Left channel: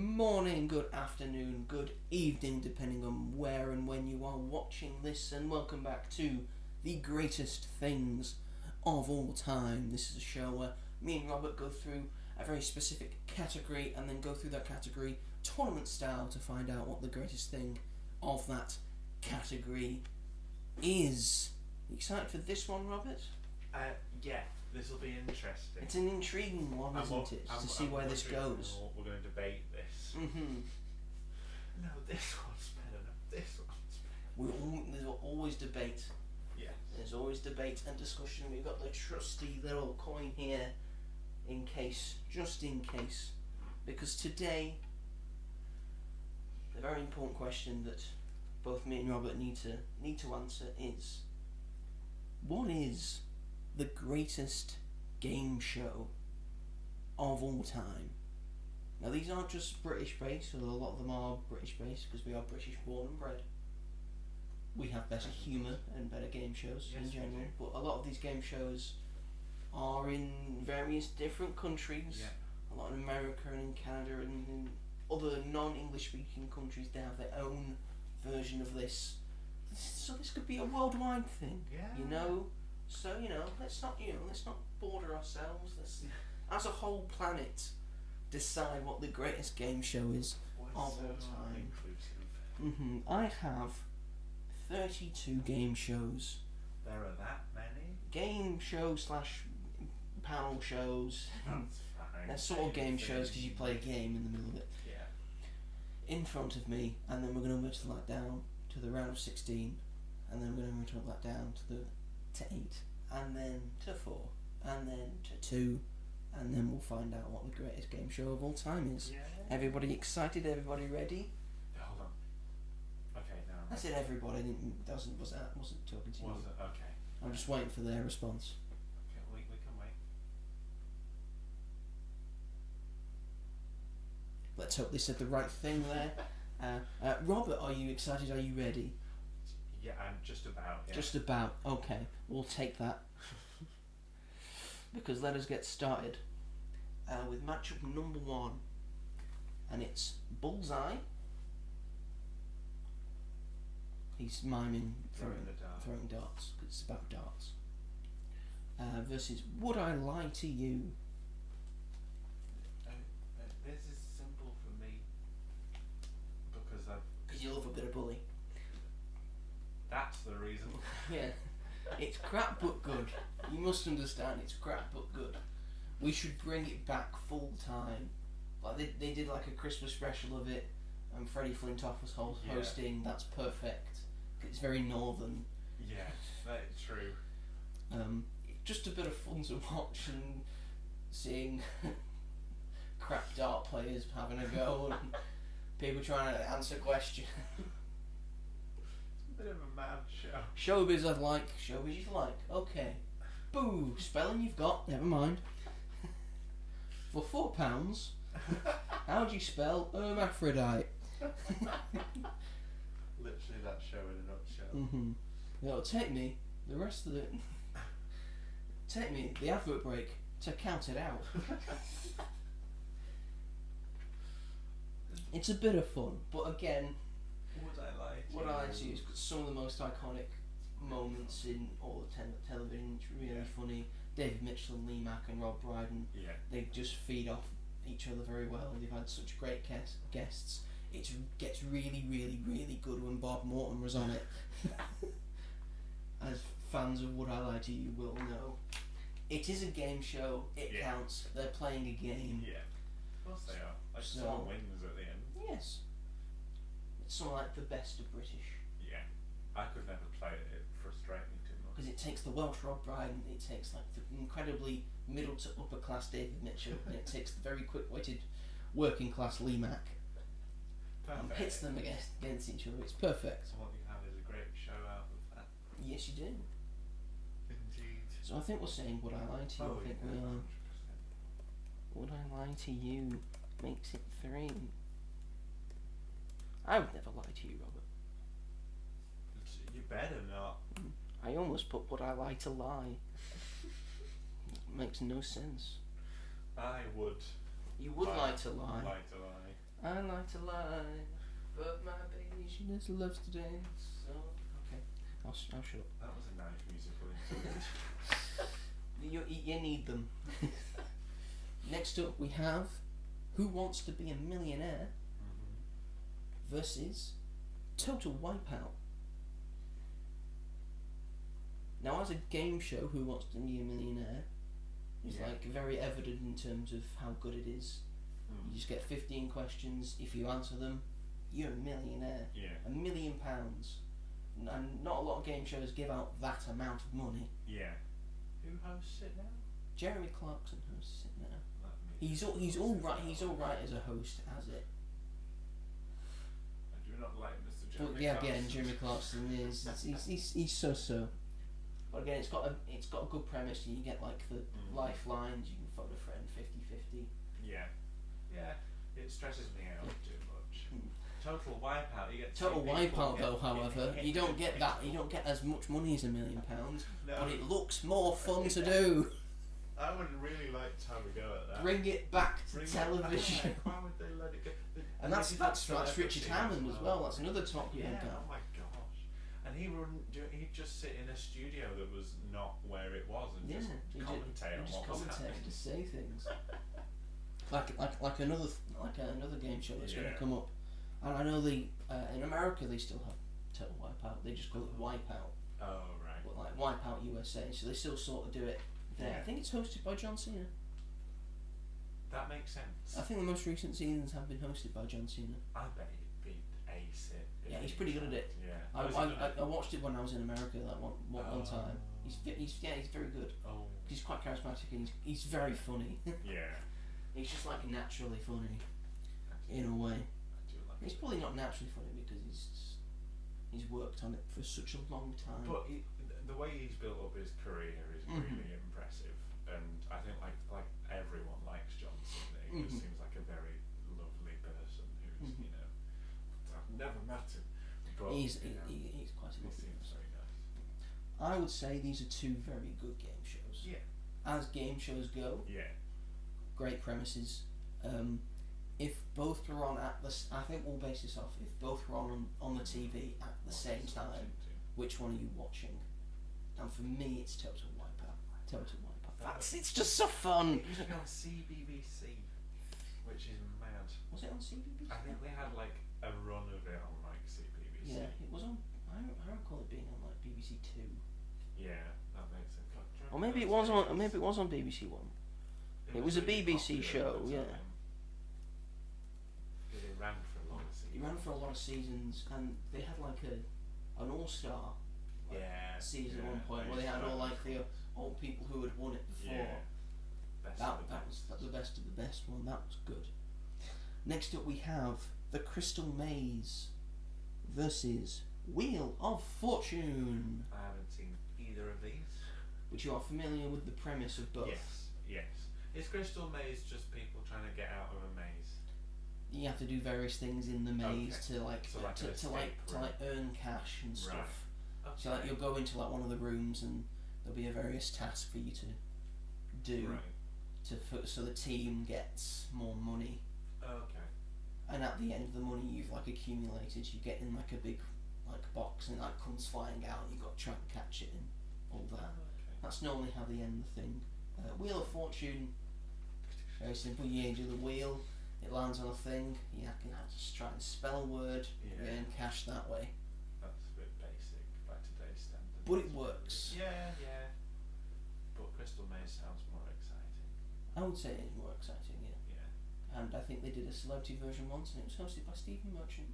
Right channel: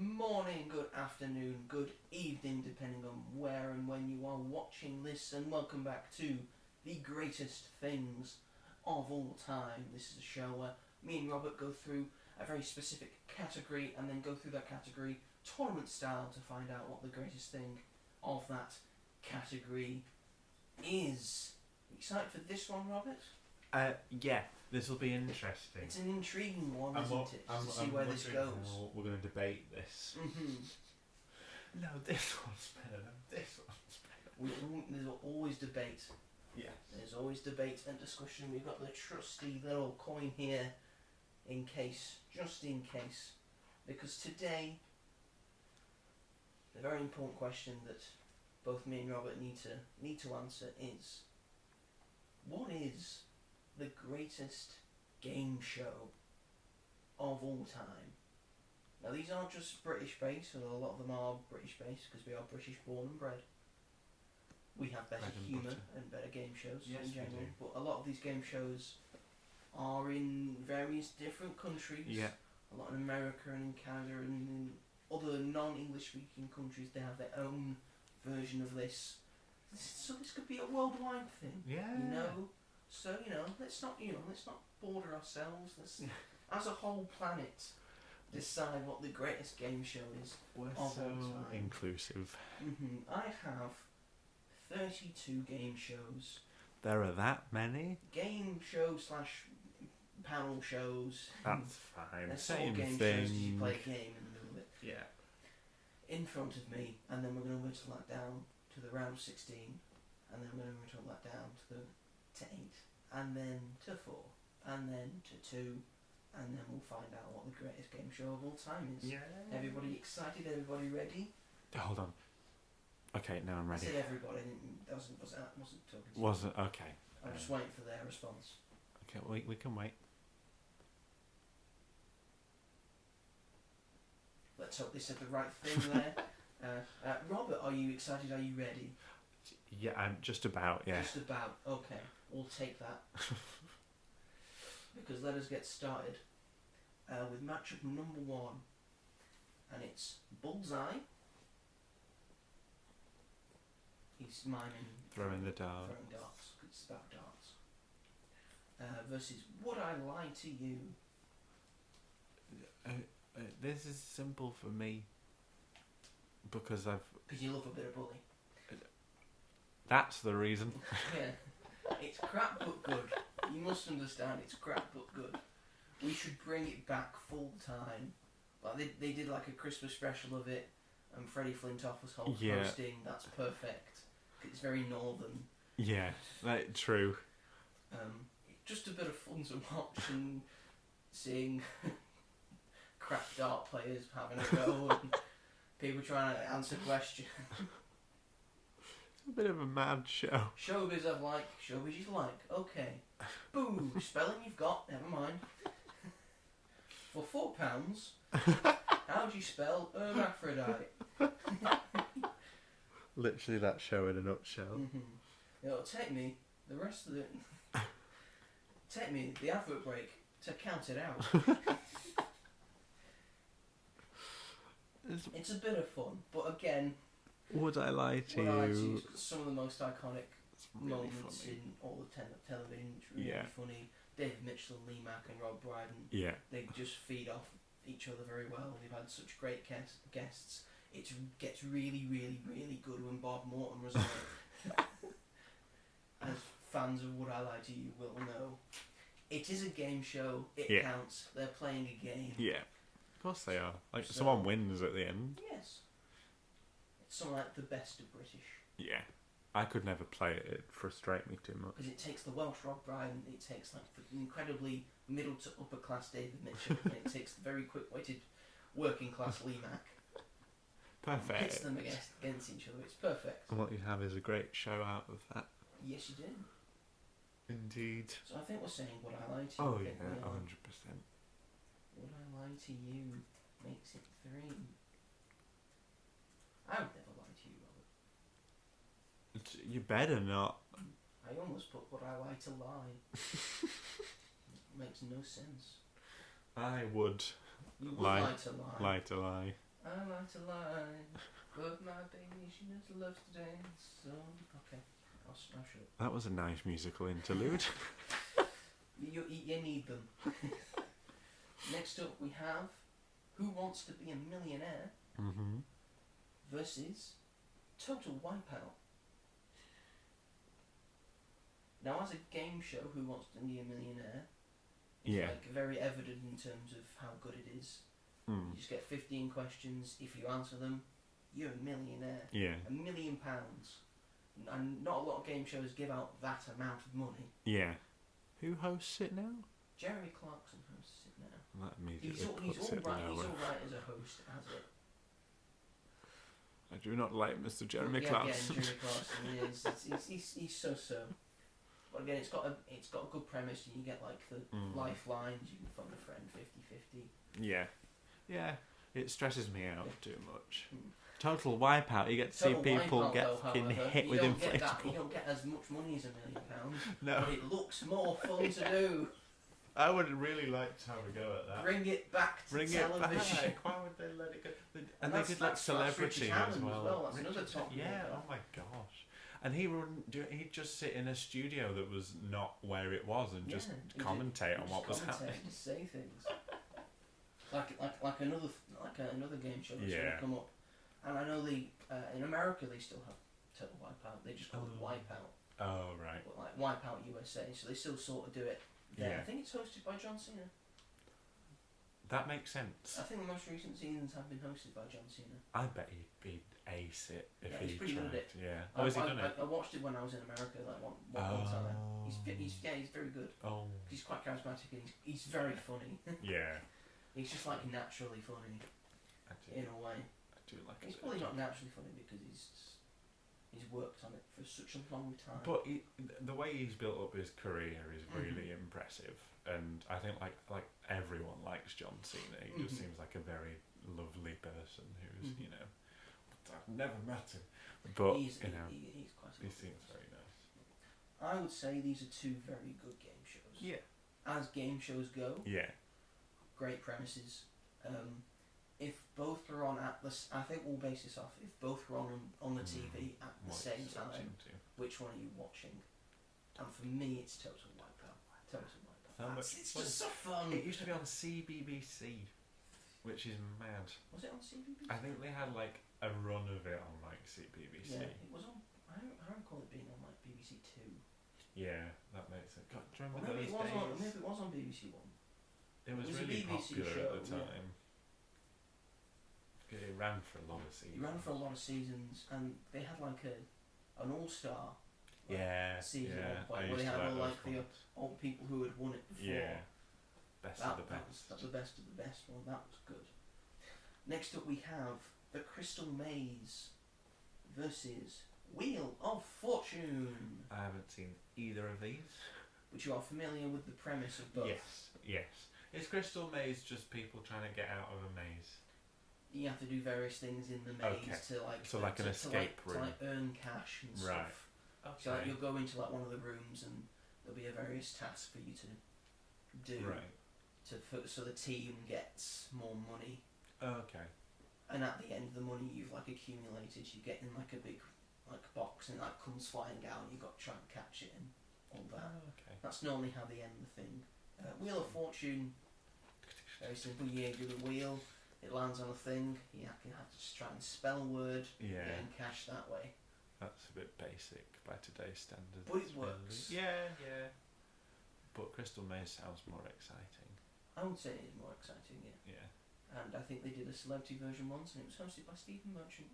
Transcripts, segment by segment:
morning, good afternoon, good evening, depending on where and when you are watching this, and welcome back to the greatest things of all time. This is a show where me and Robert go through a very specific category and then go through that category tournament style to find out what the greatest thing of that category is. You excited for this one, Robert? Yeah, this will be interesting. It's an intriguing one, isn't it? To see where this goes. We're going to debate this. Mm-hmm. No, this one's better. No, this one's better. There's always debate. Yeah. There's always debate and discussion. We've got the trusty little coin here, just in case. Because today, the very important question that both me and Robert need to answer is, what is the greatest game show of all time? Now, these aren't just British based, although a lot of them are British based because we are British born and bred. We have better humour and better game shows in general, but a lot of these game shows are in various different countries. Yeah. A lot in America and in Canada and in other non-English speaking countries. They have their own version of this. So this could be a worldwide thing. Yeah. So let's not border ourselves. Let's, as a whole planet, decide what the greatest game show is We're of all so time. inclusive. I have 32 game shows. There are that many? Game show / panel shows. That's fine. They're sort of game shows because you play a game in the middle of it. Yeah. In front of me, and then we're going to whittle that down to the round of 16, and then we're going to whittle that down to 8, and then to 4, and then to 2, and then we'll find out what the greatest game show of all time is. Yeah. Everybody excited? Everybody ready? Hold on. Okay, now I'm I ready. said everybody. I wasn't talking to you. Wasn't okay. I'm just waiting for their response. Okay, we can wait. Let's hope they said the right thing there. Robert, are you excited? Are you ready? Yeah, I'm just about. Yeah. Just about. Okay, we'll take that. Because let us get started with matchup number 1, and it's Bullseye. He's miming Throwing the dart. Throwing darts. It's about darts. Versus Would I Lie to You? This is simple for me because Because you love a bit of bully. That's the reason. Yeah. It's crap but good. You must understand, it's crap but good. We should bring it back full time. Like they did like a Christmas special of it, and Freddie Flintoff was hosting. That's perfect. It's very northern. Yeah, true. Just a bit of fun to watch and seeing crap dart players having a go and people trying to answer questions. It's a bit of a mad show. Showbiz I like, showbiz you like. Okay. Boo, spelling you've got, never mind. For £4, how do you spell hermaphrodite? Literally that show in a nutshell. Mm-hmm. It'll take me the rest of it. Take me the advert break to count it out. It's a bit of fun, but again, Would I Lie to You? Some of the most iconic Really moments funny. in all of television. It's really Yeah. funny. David Mitchell, Lee Mack, and Rob Brydon. Yeah. They just feed off each other very well. They've had such great guests. It gets really, really, really good when Bob Morton was on it. As fans of Would I Lie to You will know, it is a game show. It counts. They're playing a game. Yeah. Of course they are. Like So- someone wins at the end. Yes. It's something like the best of British. Yeah. I could never play it. It'd frustrate me too much. Because it takes the Welsh Rob Brydon, it takes like the incredibly middle to upper class David Mitchell, and it takes the very quick witted working class Lee Mack. Perfect. Hits them against each other. It's perfect. And what you have is a great show out of that. Yes, you do. Indeed. So I think we're saying Would I Lie to You? Oh I yeah, think we're 100%. Would I Lie to You makes it 3. I would never lie to you, Robert. You better not. I almost put Would I Lie to Lie. Makes no sense. I would You would Lie. lie to lie. lie to lie. I like to lie, but my baby, she just loves to dance. So, okay. I'll shut up. That was a nice musical interlude. You need them. Next up, we have Who Wants to Be a Millionaire Mm-hmm. versus Total Wipeout. Now, as a game show, Who Wants to Be a Millionaire is like very evident in terms of how good it is. You just get 15 questions. If you answer them, you're a millionaire. Yeah. £1 million. And not a lot of game shows give out that amount of money. Yeah. Who hosts it now? Jeremy Clarkson hosts it now. That He's all right. He's all right as a host, as it. I do not like Mr. Jeremy Yeah, Clarkson. Jeremy Clarkson is he's so. But again, it's got a good premise, and you get like the lifelines. You can phone a friend 50-50. Yeah. Yeah. It stresses me out too much. Total Wipeout. You get to Total see people Wipeout, get though, however, hit you with don't get that. You inflatable- don't get as much money as £1 million, No. but it looks more fun to do. I would really like to have a go at that. Bring it back to Bring television. it back. Why would they let it go? And they that's did, like, Richard celebrity Hammond as well. That's Richard- another top Yeah. guy. Oh my gosh. And he'd just sit in a studio that was not where it was and just commentate on what was happening. Just say things. like another game show that's going to come up. And I know in America they still have Total Wipeout. They just call it Wipeout. Oh right. But like Wipeout USA, so they still sort of do it there. Yeah. I think it's hosted by John Cena. That makes sense. I think the most recent seasons have been hosted by John Cena. I bet he'd ace it. If Yeah, he's he pretty good at tried. it. Yeah. I, Is he good at it? I watched it when I was in America like one time. He's very good. Oh. He's quite charismatic and he's very funny. Yeah. He's just like naturally funny in a way. I do like He's it. probably not naturally funny because he's worked on it for such a long time. But the way he's built up his career is really impressive, and I think like everyone likes John Cena. He just seems like a very lovely person who's I've never met him, but he's quite a he lovely seems person. very nice. I would say these are two very good game shows. Yeah. As game shows go, Yeah. great premises. If both were on at the, I think we'll base this off. If both were on the TV at the same time, which one are you watching? And for me, it's Total Wipeout. Total Wipeout. It's just so fun. It used to be on CBBC, which is mad. Was it on CBBC? I think they had like a run of it on like CBBC. Yeah, it was on. I recall it being on like BBC Two. Yeah, that makes sense. God, do you Or remember maybe it those was on. days? Maybe it was on BBC One. It was a really BBC popular show, at the yeah. time. It ran for a lot of seasons. It ran for a lot of seasons, and they had like an all-star season at one point where they had all like the old people who had won it before. Yeah. Best That of the was best. the best of the best one. That was good. Next up, we have the Crystal Maze versus Wheel of Fortune, I haven't seen either of these. which you are familiar with the premise of both. Yes. Is Crystal Maze just people trying to get out of a maze? You have to do various things in the maze to like So like an escape to room. like earn cash and stuff. Right. So like you'll go into like one of the rooms and there'll be a various task for you to do Right. so the team gets more money. Okay. And at the end of the money you've like accumulated, you get in like a big like box and that comes flying out and you've got to try and catch it and all that. Okay. That's normally how they end the thing. Wheel of Fortune, very simple. You do the wheel, it lands on a thing, you have to try and spell a word, Yeah. and cash that way. That's a bit basic by today's standards. But it really. works. Yeah. But Crystal Maze sounds more exciting. I would say it's more exciting, yeah. Yeah. And I think they did a celebrity version once and it was hosted by Stephen Merchant.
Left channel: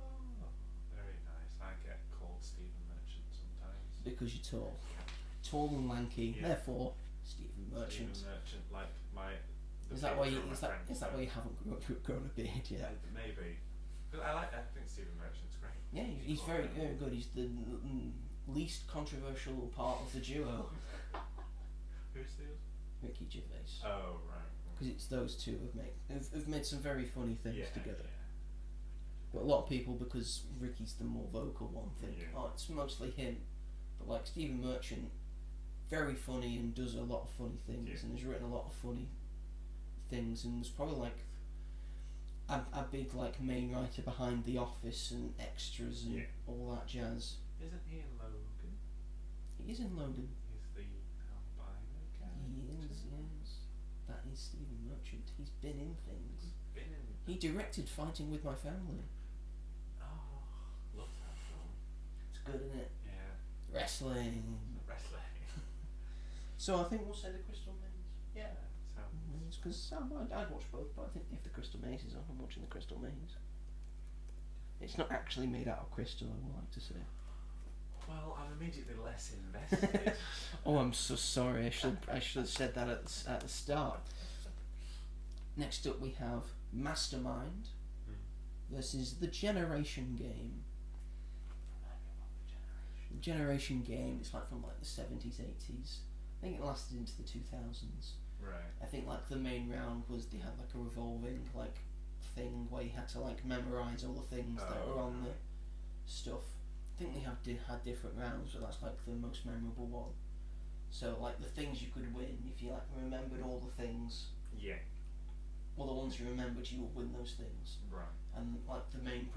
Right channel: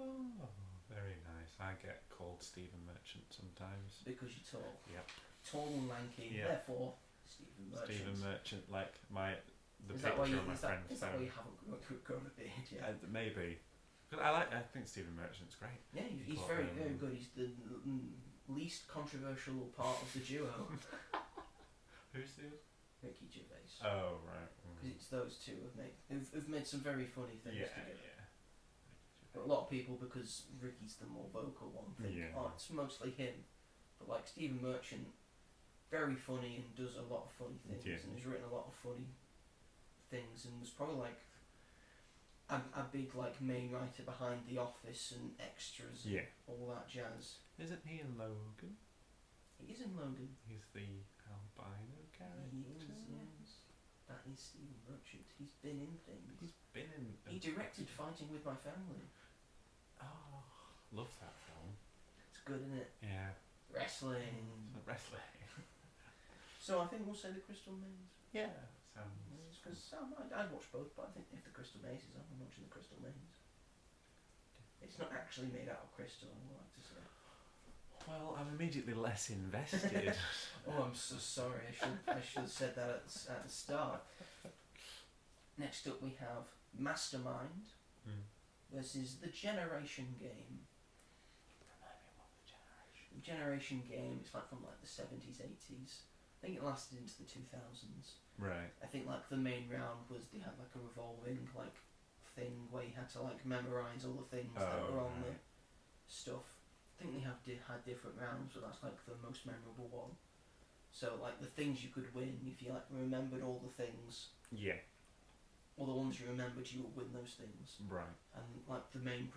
Oh, very nice. I get called Stephen Merchant sometimes. Because you're tall. Yeah. Tall and lanky, Yeah. therefore Stephen Merchant. Stephen Merchant, like the Is that why you picture of my friend. is that why you haven't grown a beard yet? Maybe. But I think Stephen Merchant's great. Yeah, he's Well, very, very good. He's the least controversial part of the duo. Who's the other? Ricky Gervais. Oh right. Because it's those two have made some very funny things Yeah. together. Yeah. But a lot of people, because Ricky's the more vocal one, think, Yeah. oh, it's mostly him. But like Stephen Merchant, very funny and does a lot of funny things Yeah. and has written a lot of funny things and was probably like a big like main writer behind The Office and extras and all that jazz. Isn't he in Logan? He is in Logan. He's the albino character. He is, yes. That is Stephen Merchant. He's been in things. He's been in. He directed Fighting with My Family. Oh, love that film. It's good, isn't it? Yeah. Wrestling. Wrestling. So I think we'll say the Crystal Maze. Yeah. Sounds. Because I'd watch both, but I think if the Crystal Maze is on, I'm watching the Crystal Maze. It's not actually made out of crystal, I would like to say. Well, I'm immediately less invested. Oh, I'm so sorry. I should have said that at the start. Next up, we have Mastermind versus the Generation Game. Remind me what the Generation. The Generation Game. It's like from like the 70s, 80s. I think it lasted into the 2000s. Right. I think like the main round was they had like a revolving like thing where you had to like memorize all the things that were on the stuff. I think they had different rounds, but that's like the most memorable one. So like the things you could win if you like remembered all the things. Yeah. Well, the ones you remembered, you would win those things. Right. And like the main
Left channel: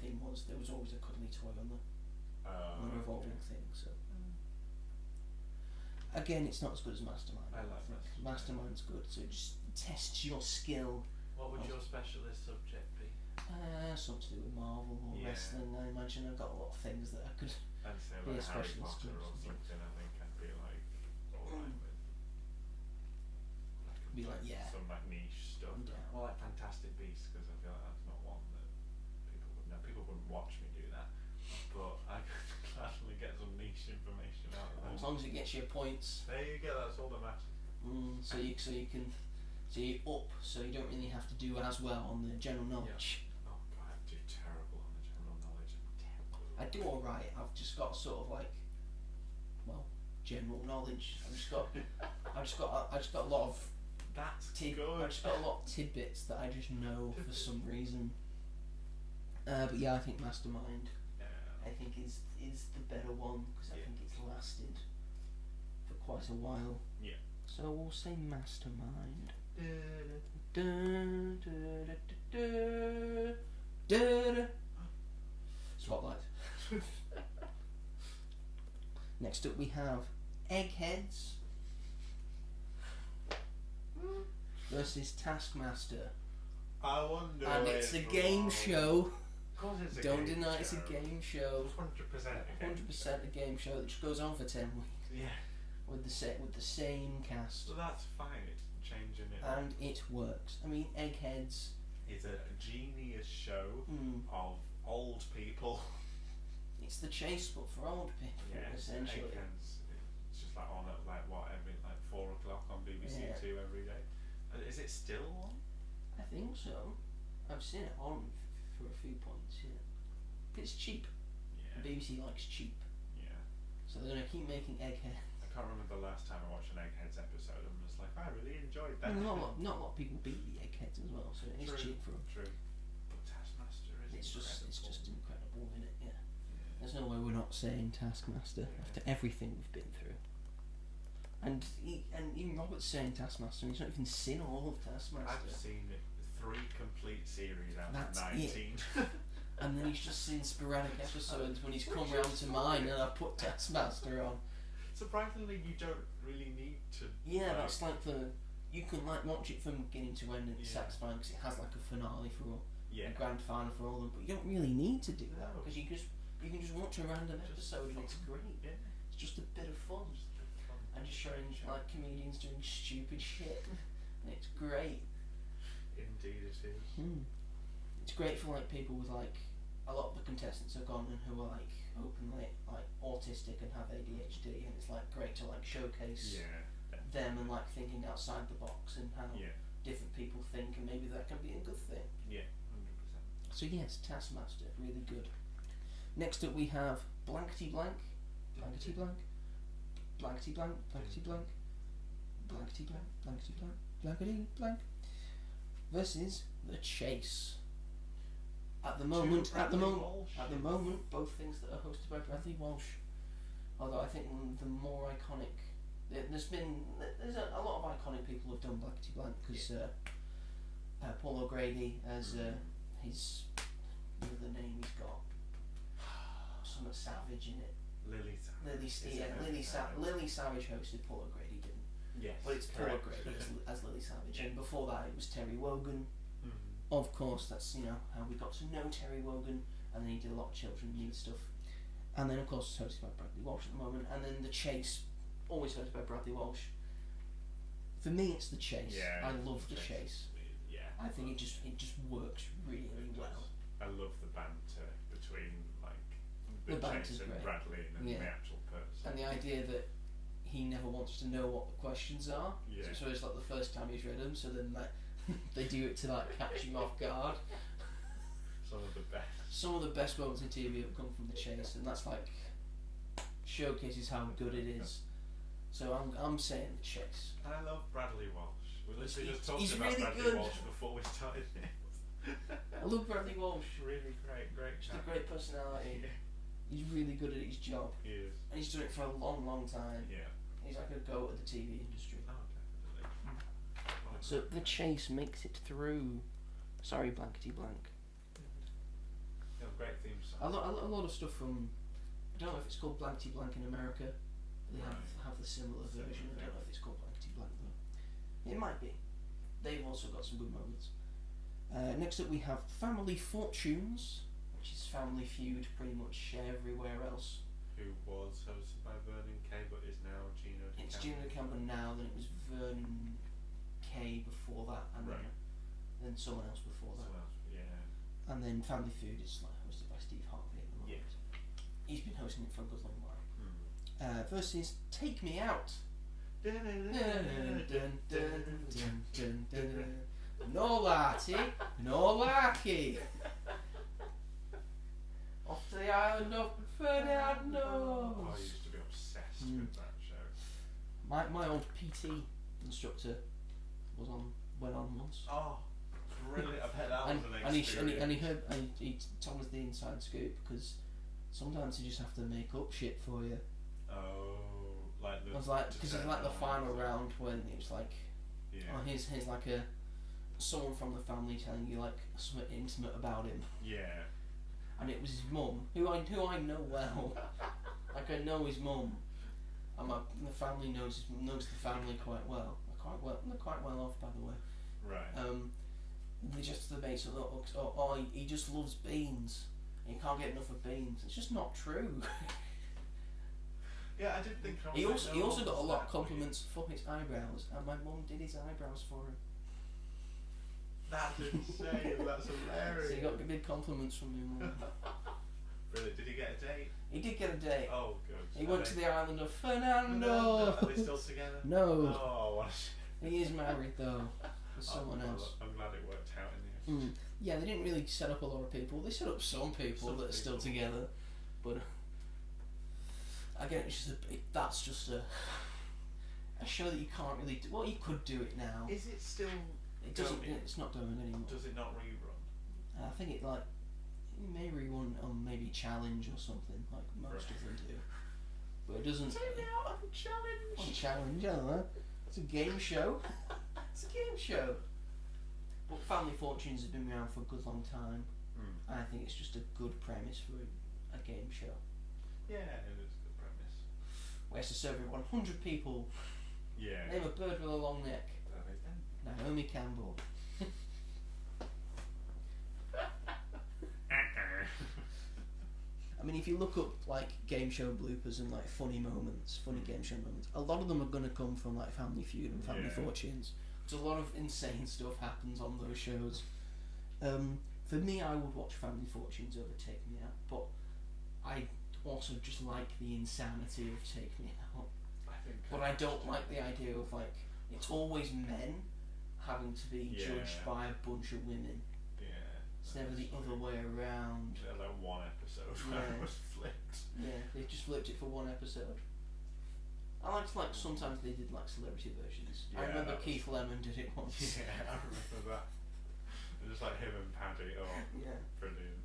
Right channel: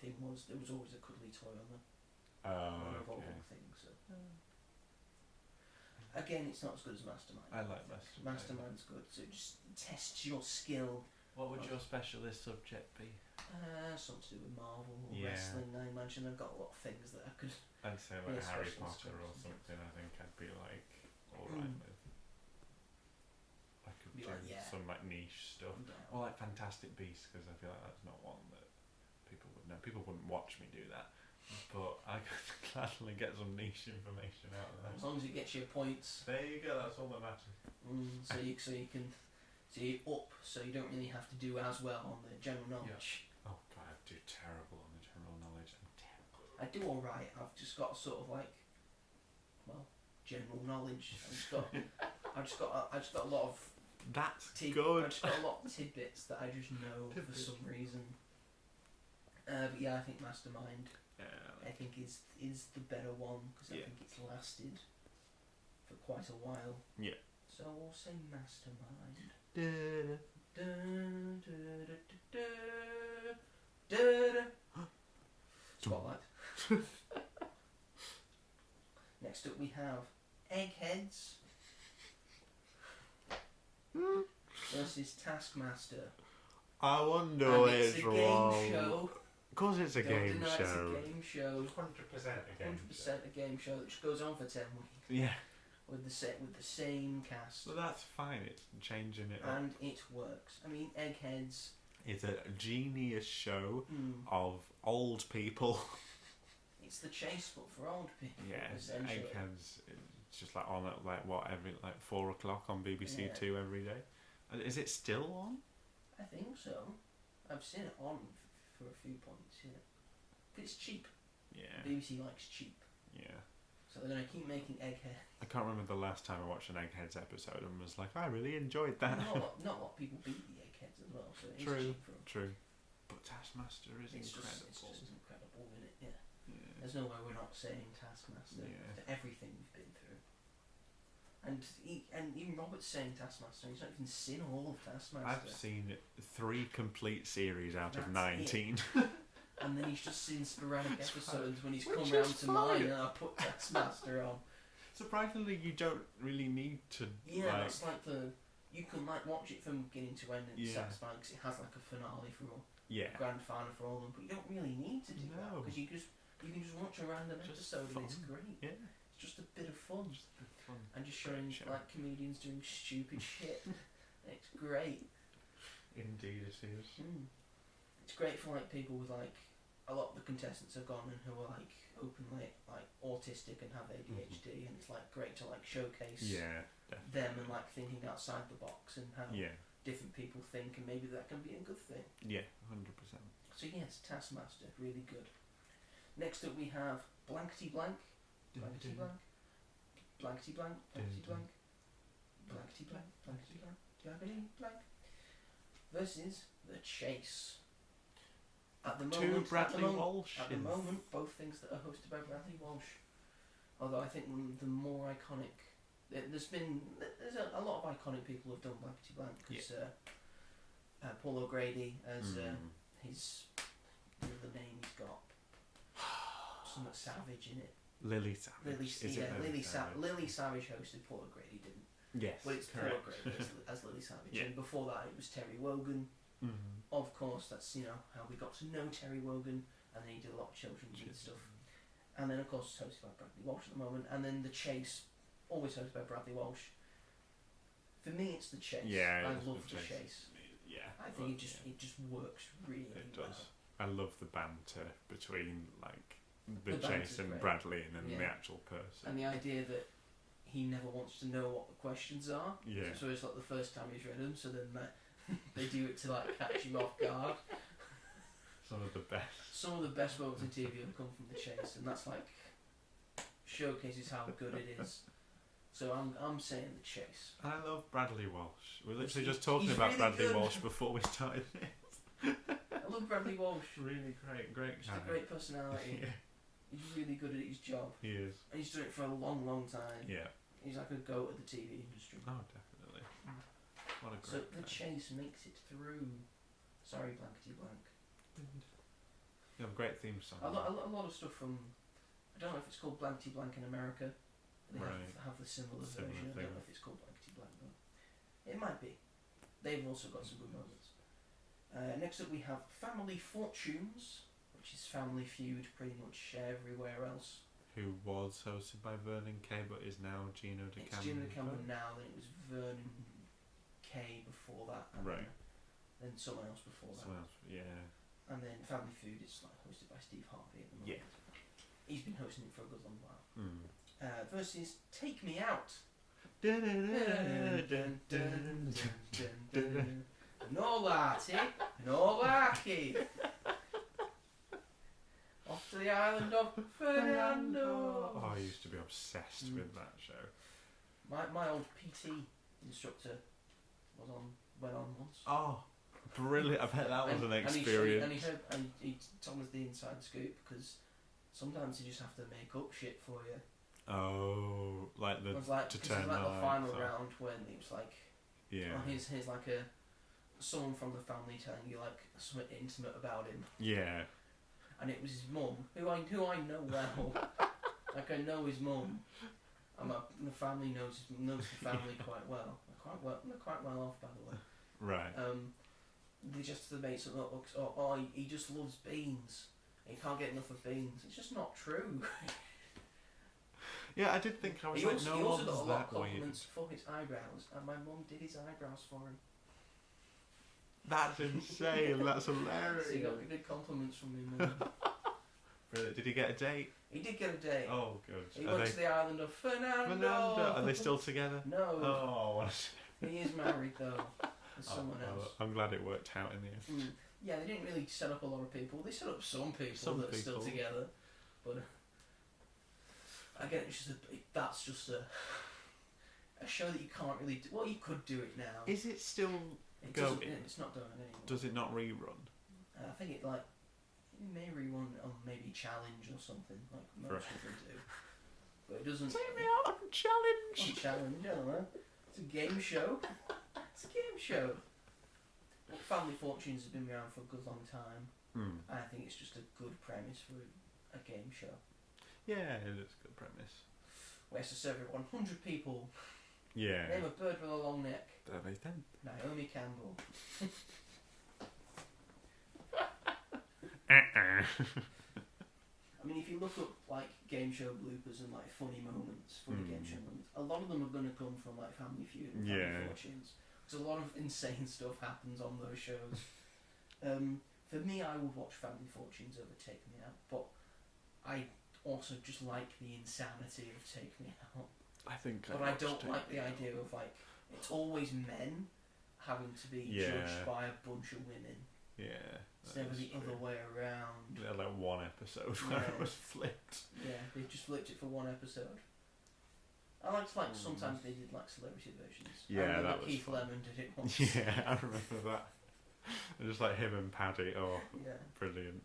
thing was there was always a cuddly toy on the revolving thing. So again, it's not as good as Mastermind. I like think. Mastermind. Mastermind's good. So it just tests your skill. What would your specialist subject be? Something to do with Marvel or Yeah. wrestling. I imagine I've got a lot of things that I could. I'd say Yeah, like Harry specialist Potter or jobs. something. I think I'd be like alright with. I could Be do like, yeah. some like niche stuff. Yeah. Or like Fantastic Beasts, because I feel like that's not one that people would know. People wouldn't watch me do that, but I could gladly get some niche information out of As them. long as it gets you points. There you go. That's all that matters. So you up, so you don't really have to do as well on the general knowledge. Oh God, I do terrible on the general knowledge. I'm terrible. I do alright. I've just got sort of like, well, general knowledge. I just got a lot of That's I good. just got a lot of tidbits that I just know for some reason. But yeah, I think Mastermind. I think is the better one because I think it's lasted for quite a while. Yeah. So we'll say Mastermind. Spotlight. Next up we have Eggheads versus Taskmaster. I wonder And where it's a game show. Of course, it's a Don't game deny show. it's a game show. 100% 100% a game show that just goes on for 10 weeks Yeah. with the same cast. So that's fine. It's changing it up. And it works. I mean, Eggheads. It's a genius show Mm, of old people. it's the Chase, but for old people, essentially. Eggheads. It's just like on at like what every like 4 o'clock on BBC Yeah. Two every day. Is it still on? I think so. I've seen it on for a few points. Yeah, it's cheap. Yeah. BBC likes cheap, Yeah. so they're gonna keep making Egghead. I can't remember the last time I watched an Eggheads episode and was like, I really enjoyed that. Not a lot of people beat the Eggheads as well, so it's True. cheap for them. True. But Taskmaster is It's incredible. just incredible, isn't it? Yeah. Yeah. There's no way we're not saying Taskmaster Yeah. after everything we've been through. And even Robert's saying Taskmaster, and he's not even seen all of Taskmaster. I've seen 3 complete series out of That's 19. And then he's just seen sporadic That's episodes when he's Which come is round to mine fine. and I've put Taskmaster on. Surprisingly, you don't really need to. Yeah, like, that's like you can like watch it from beginning to end and it's Yeah. satisfying because it has like a finale for all, yeah. a grand final for all of them, but you don't really need to do that No. because you can just watch a random Just episode and it's fun. great. Yeah. It's just a bit of fun. Just a bit of fun. And just showing Great show. like comedians doing stupid shit. And it's great. Indeed, it is. It's great for like people with like a lot of the contestants are gone and who are like openly like autistic and have ADHD, and it's like great to like showcase Yeah. them and like thinking outside the box and how Yeah. different people think, and maybe that can be a good thing. Yeah. 100%. So yes, Taskmaster, really good. Next up we have Blankety Blank, Blankety Blank, Blankety Blank, Blankety Blank, Blankety Blank, Blankety Blank, Blankety Blank, versus The Chase. At the moment, Walsh. at the moment, both things that are hosted by Bradley Walsh. Although I think the more iconic, there's a lot of iconic people who've done Blankety Blank because Paul O'Grady as his the name he's got. Something Savage in it. Lily Savage. Lily Savage hosted Paul O'Grady, didn't? Yes. But it's Paul correct. O'Grady as Lily Savage, Yeah. and before that it was Terry Wogan. Mm-hmm. Of course, that's how we got to know Terry Wogan, and then he did a lot of children's stuff. And then of course it's hosted by Bradley Walsh at the moment, and then The Chase, always hosted by Bradley Walsh. For me, it's The Chase. Yeah, I it's love The The Chase. Yeah. I think it just works really It well. does. I love the banter between the The banter's Chase and great. Bradley and Yeah. the actual person. And the idea that he never wants to know what the questions are. Yeah. So it's like the first time he's read them, so then they do it to like catch him off guard. Some of the best. Some of the best moments in TV have come from The Chase, and that's like showcases how good it is. So I'm saying The Chase. I love Bradley Walsh. We were literally He's- just talking he's about really Bradley good. Walsh before we started this. I love Bradley Walsh. Really great Just guy. a great personality. Yeah, He's really good at his job, he is. and he's done it for a long time. Yeah. He's like a goat at the TV industry. Oh, definitely. What a So great The guy. Chase makes it through. Sorry, blankety blank. You have a great theme song. A lot of stuff from. I don't know if it's called Blankety Blank in America. They Right. have the similar Similar version. I thing. don't know if it's called Blankety Blank though. It might be. They've also got some good moments. Next up we have Family Fortunes, which is Family Feud pretty much everywhere else. Who was hosted by Vernon Kay but is now Gino De It's Camden. Gino De Camden now, then it was Vernon Kay before that, and Right. then someone else before that. Someone else, yeah. And then Family Feud is like hosted by Steve Harvey at the moment. Yeah. He's been hosting it for a good long while. Mm. Versus Take Me Out. No laddie, no larky. Off to the island of Fernando. Oh, I used to be obsessed with that show. My old PT instructor went on once. Oh, brilliant! I bet that was an experience. He told us the inside scoop because sometimes you just have to make up shit for you. Oh, like the It was like to because it was turn like the lights final on. round when it was like, Yeah. oh, here's like someone from the family telling you like something intimate about him, Yeah. and it was his mum who I know well. Like I know his mum, and the family knows the family quite well. They're quite well off, by the way. Right. They just debate something. He just loves beans. He can't get enough of beans. It's just not true. Yeah, I did think I was. He like, also, no he also one's got a lot of that weird. compliments for his eyebrows, and my mum did his eyebrows for him. That's insane. That's hilarious. So he got good compliments from me mum. Brilliant. Did he get a date? He did get a date. Oh, good. He Are went they- to the island of Fernando. Fernando. Are they still together? No, Oh, what a shame. he is married though. With someone Oh, else. I'm glad it worked out in the end. Mm. Yeah, they didn't really set up a lot of people. They set up some people Some that are still people. together, but again, that's just a show that you can't really do. Well, you could do it now. Is it still? It doesn't. going? It's not doing anymore. Does it not rerun? I think it may rerun on maybe Challenge or something like most of them do, but it doesn't. Take me out on challenge. On Challenge, I don't know. It's a game show. It's a game show. Well, Family Fortunes has been around for a good long time. Hmm. I think it's just a good premise for a game show. Yeah, it is a good premise. Where it's to serve everyone 100 people. Yeah. Name a bird with a long neck. Everything. Naomi Campbell. I mean, if you look up like game show bloopers and like funny moments, funny game show moments, a lot of them are going to come from like Family Feud and Family Yeah. Fortunes. Because a lot of insane stuff happens on those shows. For me, I would watch Family Fortunes over Take Me Out, but I also just like the insanity of Take Me Out. I think. But I don't like the idea of like it's always men having to be Yeah. judged by a bunch of women. Yeah. It's that never is the true. other way around. Yeah, like one episode where Yeah. it was flipped. Yeah, they just flipped it for one episode. I liked like sometimes they did like celebrity versions. Yeah, I remember that was Keith fun. Lemon did it once. Yeah, I remember that. Just like him and Paddy. Oh, Yeah. brilliant.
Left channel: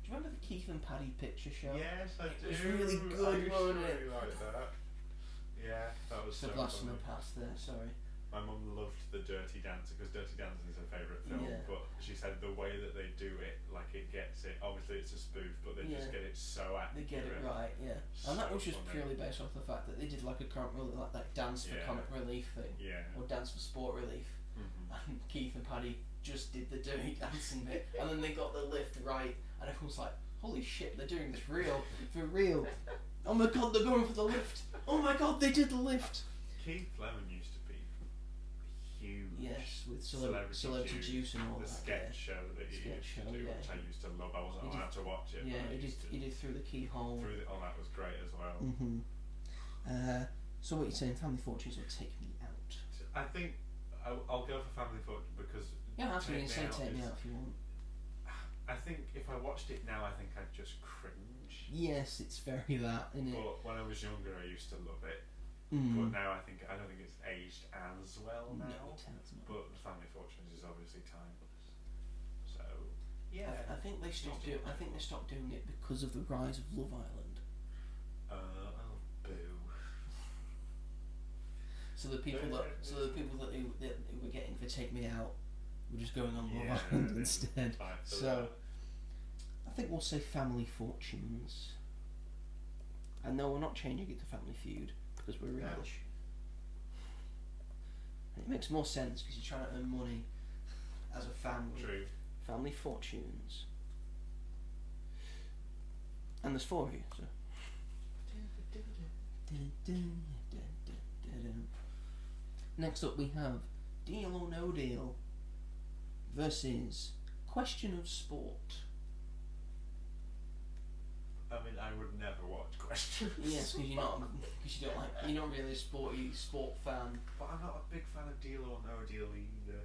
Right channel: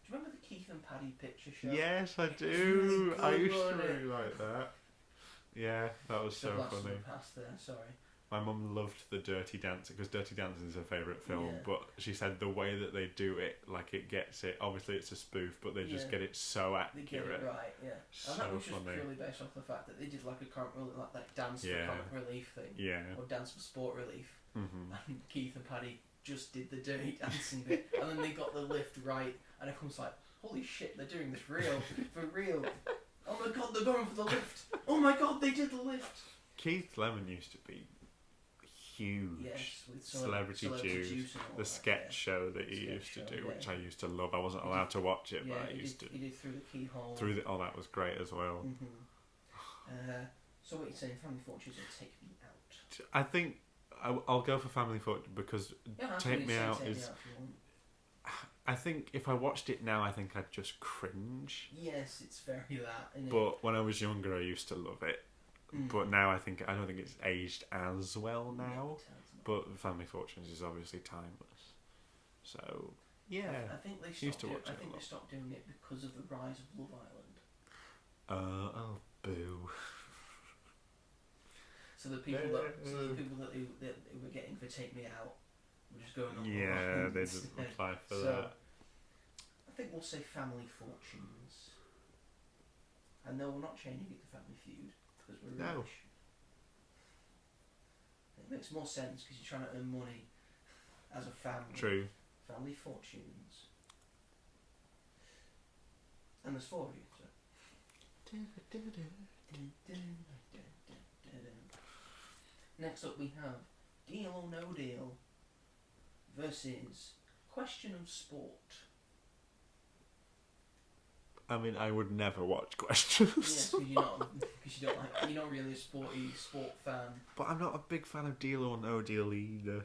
Do you remember the Keith and Paddy picture show? Yes, I It do. was really good, I used to wasn't it? really like that. Yeah, that was so Blast from funny. the past there. Sorry. my mum loved the Dirty Dancing because Dirty Dancing is her favourite film, Yeah. but she said the way that they do it, like it gets it. Obviously, it's a spoof, but they just Yeah. get it so They accurate. get it right, yeah. And that So was just funny. purely based off the fact that they did like a comic relief, like that dance Yeah. for comic relief thing, Yeah. or dance for sport relief. Mm-hmm. And Keith and Paddy just did the Dirty Dancing bit, and then they got the lift right, and everyone's like, "Holy shit, they're doing this for real! Oh my god, they're going for the lift! Oh my god, they did the lift!" Keith Lemon used to be huge. Yes, with Celebrity Juice, and all the that, sketch show that he Sketch used to show, do, yeah. which I used to love. I wasn't He allowed did- to watch it, Yeah, but I he used did, to. he did Through the Keyhole. Through the, oh, that was great as well. Mm-hmm. So what you're saying, Family Fortunes will take me out. I think I'll go for Family Fortune because Yeah, that's Take what Me you're Out saying, Take Me is. Out if you want. I think if I watched it now, I think I'd just cringe. Yes, it's very that, isn't it? But when I was younger, I used to love it. But now I don't think it's aged as well now. No, it hasn't. But Family Fortunes is obviously timeless. So yeah, I think they Used stopped. to watch it a They lot. stopped doing it because of the rise of Love Island. oh boo. So the people that they were getting for Take Me Out were just going on Love Yeah, Island they just instead. apply for So that. I think we'll say Family Fortunes. And no, we're not changing it to Family Feud because we're No. Irish. It makes more sense because you're trying to earn money as a family. True. Family Fortunes. And there's 4 of you, so. Next up we have Deal or No Deal versus Question of Sport. I mean, I would never watch Questions. Yes, because you're not really a sport fan. But I'm not a big fan of Deal or No Deal either.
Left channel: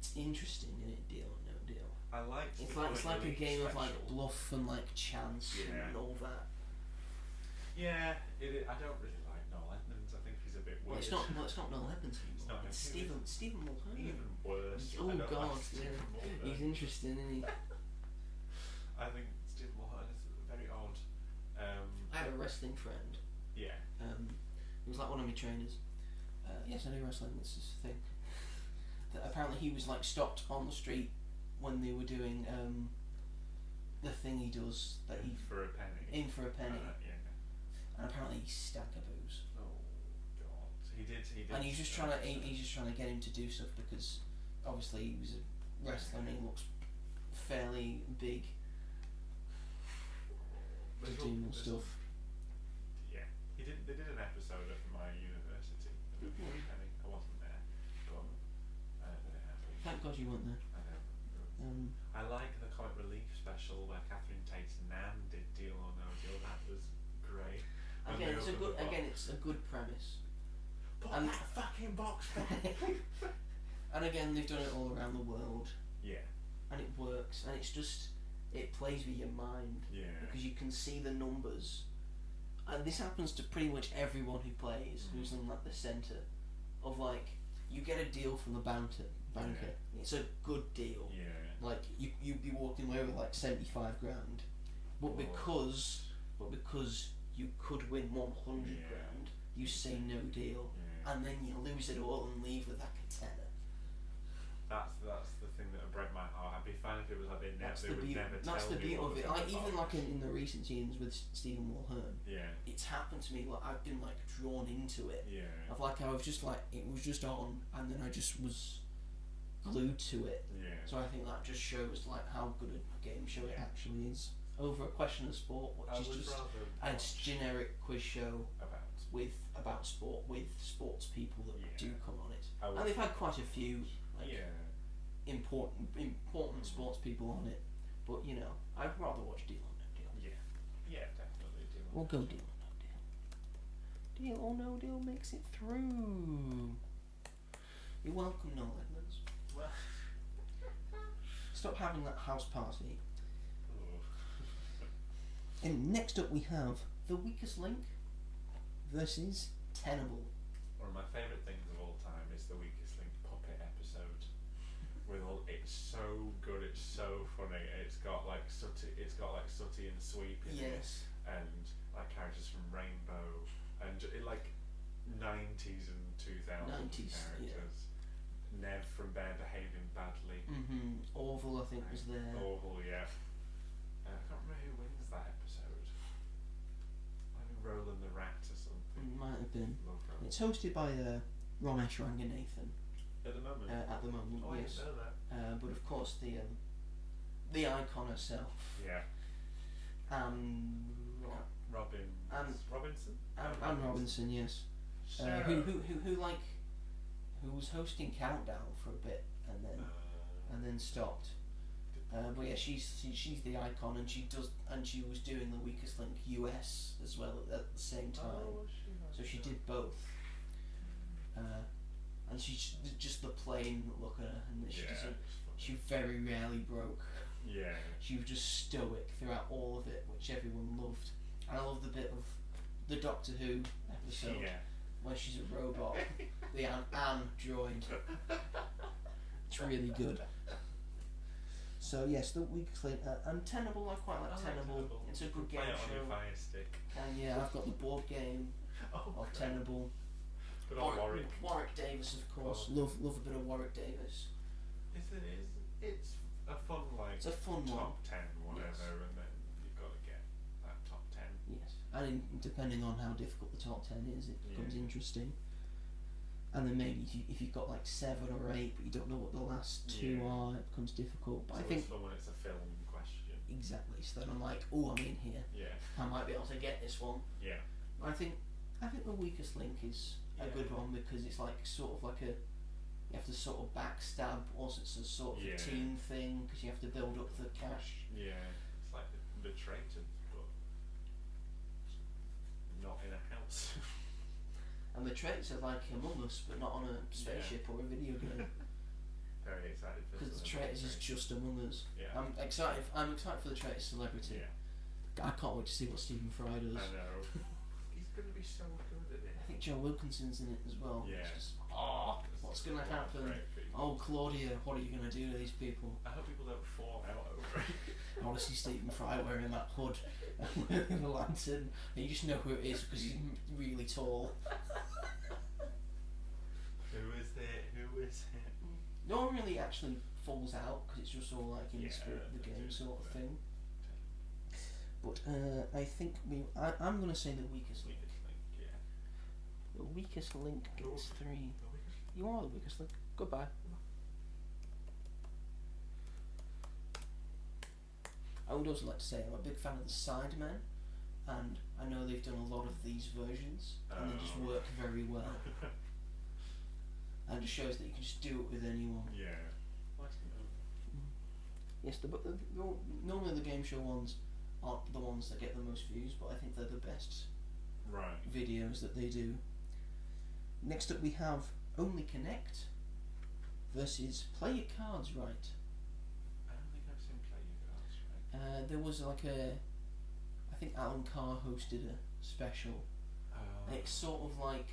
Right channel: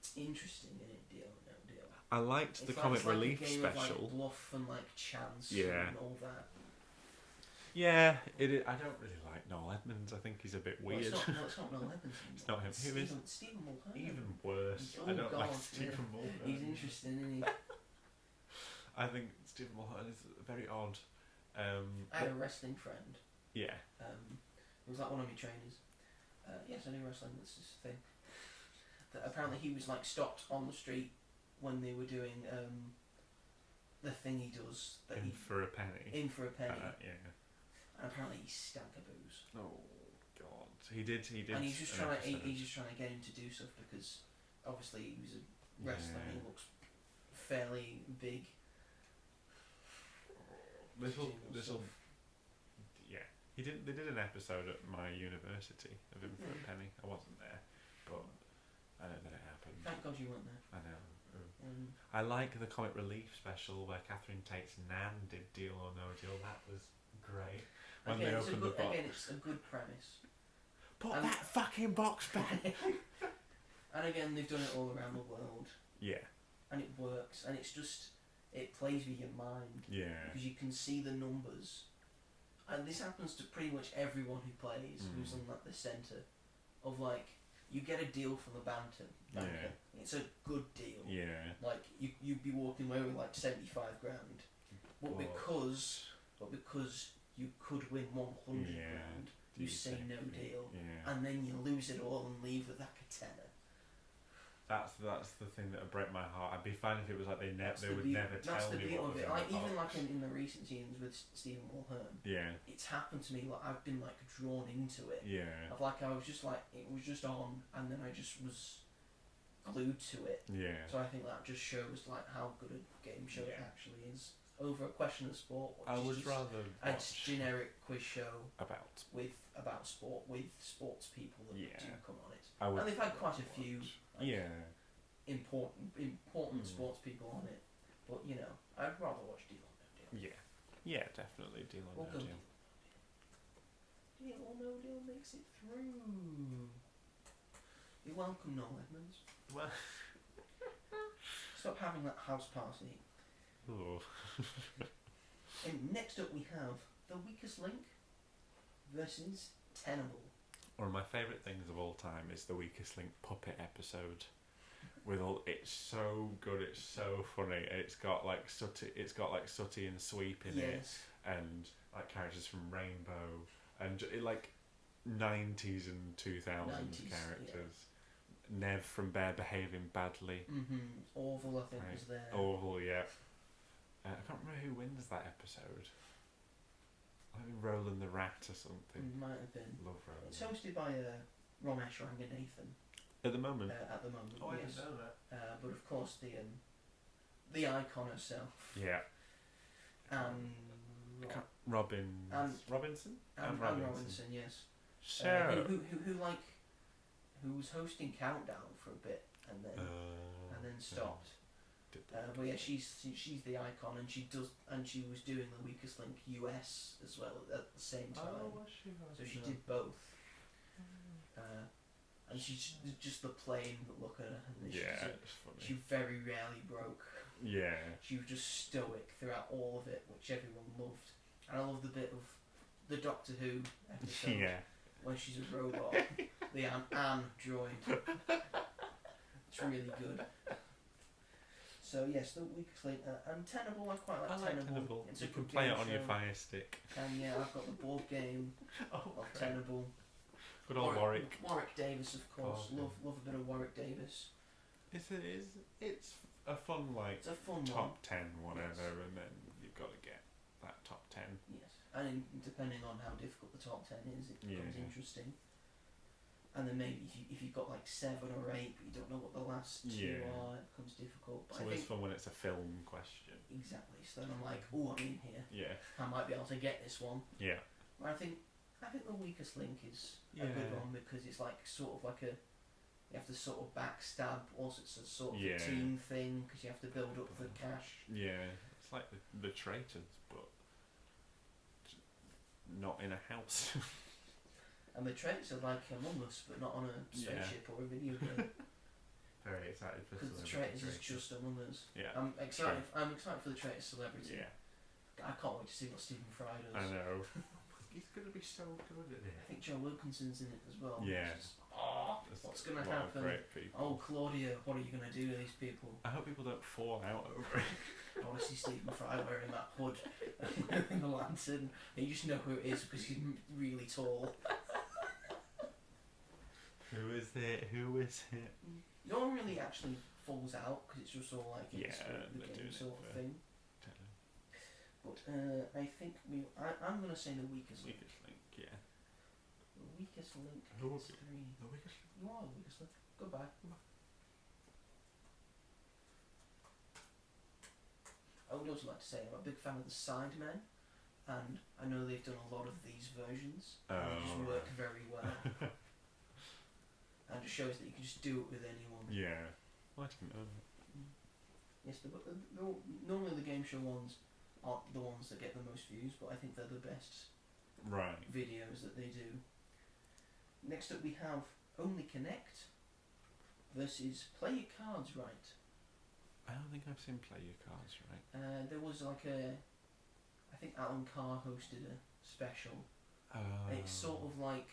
It's interesting, isn't it? Deal or No Deal. I liked the It's comic like relief a game special. of like bluff and like chance Yeah. and all that. Yeah, it is. I don't really like Noel Edmonds. I think he's a bit Well, weird. it's not Noel Evans anymore. It's not him. Who is it? Stephen Mulhern. Even worse. Oh I don't God, like Stephen yeah. Mulhern. He's interesting, isn't he? I think Stephen Mulhern is very odd. I had a wrestling friend. Yeah. He was like one of my trainers. Yes, I do wrestling. This is the thing. That apparently he was like stopped on the street when they were doing the thing he does that In he for a penny. in for a penny, Yeah. and apparently he stagaboos. Oh God. He did. And he's just trying to he's just trying to get him to do stuff because obviously he was a wrestler and he Yeah. looks fairly big. Doing stuff. Yeah. They did an episode at my university of In for a Penny. I wasn't there, but I don't know it happened. Thank God you weren't there. I know. I like the comic relief special where Catherine Tate's Nan did Deal or No Deal. That was great. When they opened the box. It's a good premise. Put and- that fucking box back. And again, they've done it all around the world, Yeah. and it works, and it plays with your mind Yeah. because you can see the numbers, and this happens to pretty much everyone who plays who's in like the centre of like you get a deal from the banker. Yeah. It's a good deal. Yeah. Like you'd be walking away with like 75 grand, but because you could win 100 Yeah. grand, you say no deal, Yeah. and then you lose it all and leave with like a tenner. That's the thing that would break my heart. I'd be fine if it was like they would never tell That's the me beauty what of was it. in Like the even box. like in the recent scenes with Stephen Mulhern, Yeah. it's happened to me. Like I've been like drawn into it. Yeah. Of like I was just like it was just on, and then I just was glued to it. Yeah. So I think that just shows like how good a game show it Yeah. actually is. Over a question of sport, which I is would just rather a watch generic quiz show about. about sport with sports people that Yeah. do come on it. I would And they've had quite a few like, Yeah. important sports people on it. But you know, I'd rather watch Deal or No Deal. Yeah. Yeah, definitely Deal or We'll No go Deal. Deal or No Deal. Deal or No Deal makes it through. You're welcome, Noel Edmonds. Well. Stop having that house party. Oh. And next up we have The Weakest Link versus Tenable. One of my favourite things of all time is the Weakest Link puppet episode. It's so good, it's so funny. It's got like Sooty and Sweep in it, Yes. and like characters from Rainbow, and it like 90s and 2000s 90s, characters. Nev from Bear Behaving Badly. Orville, I think, Right. was there. Orville, yeah. I can't remember who wins that episode. I think Roland the Rat or something. Might have been. Love Roland. It's hosted by Ramesh Ranganathan At the moment. at the moment. Oh, I Yes. didn't know that. But of course the icon herself, Yeah. Robin. Robinson? Anne Robinson, yes. Sarah. Who was hosting Countdown for a bit and then stopped. But yeah, she's the icon, and she was doing the Weakest Link US as well at the same time. So she did both. And she's just the plain look at her, and she very rarely broke. Yeah. She was just stoic throughout all of it, which everyone loved. And I love the bit of the Doctor Who episode when she's a robot, the Anne droid. It's really good. So yes, the Weakest Link, and Tenable, I quite like Tenable. It's a good play game it on show. your Fire Stick. And yeah, I've got the board game of Tenable. Good old Warwick. Warwick Davis, of course. Love a bit of Warwick Davis. It's a fun It's a fun top one. 10 whatever, Yes. and then you've got to get that top 10. Yes, and depending on how difficult the top 10 is, it becomes interesting. And then maybe if you've got like 7 or 8, but you don't know what the last 2 are, it becomes difficult. But So I think it's fun when it's a film question. exactly. So then I'm like, oh, I'm in here. Yeah. I might be able to get this one. Yeah. I think the Weakest Link is a good one, because it's like sort of like you have to sort of backstab, also it's a sort of a team thing, because you have to build up the cash. Yeah. It's like the Traitors, but not in a house. And the traits are like Among Us, but not on a spaceship or a video game. Very excited for Because the traitors is just Among Us. Yeah. I'm excited for the traitors celebrity. Yeah. I can't wait to see what Stephen Fry does. I know. He's going to be so good at it. I think Joe Wilkinson's in it as well. Yeah. It's just, what's going to happen? Great people. Oh, Claudia, what are you going to do to these people? I hope people don't fall out over it. I want to see Stephen Fry wearing that hood and the lantern. And you just know who it is because he's really tall. Who is it? No one really actually falls out because it's just all like in the spirit of the they're game doing sort it of for thing. But I think I'm going to say the Weakest Link. Weakest Link, yeah. The Weakest Link gets 3. The Weakest Link. You are the Weakest Link. Goodbye. I would also like to say I'm a big fan of the Sidemen, and I know they've done a lot of these versions, and they just work very well. And it shows that you can just do it with anyone. Yeah. I didn't know that. Yes, normally the game show ones aren't the ones that get the most views, but I think they're the best Right. videos that they do. Next up we have Only Connect versus Play Your Cards Right. I don't think I've seen Play Your Cards Right. There was like I think Alan Carr hosted a special. It's sort of like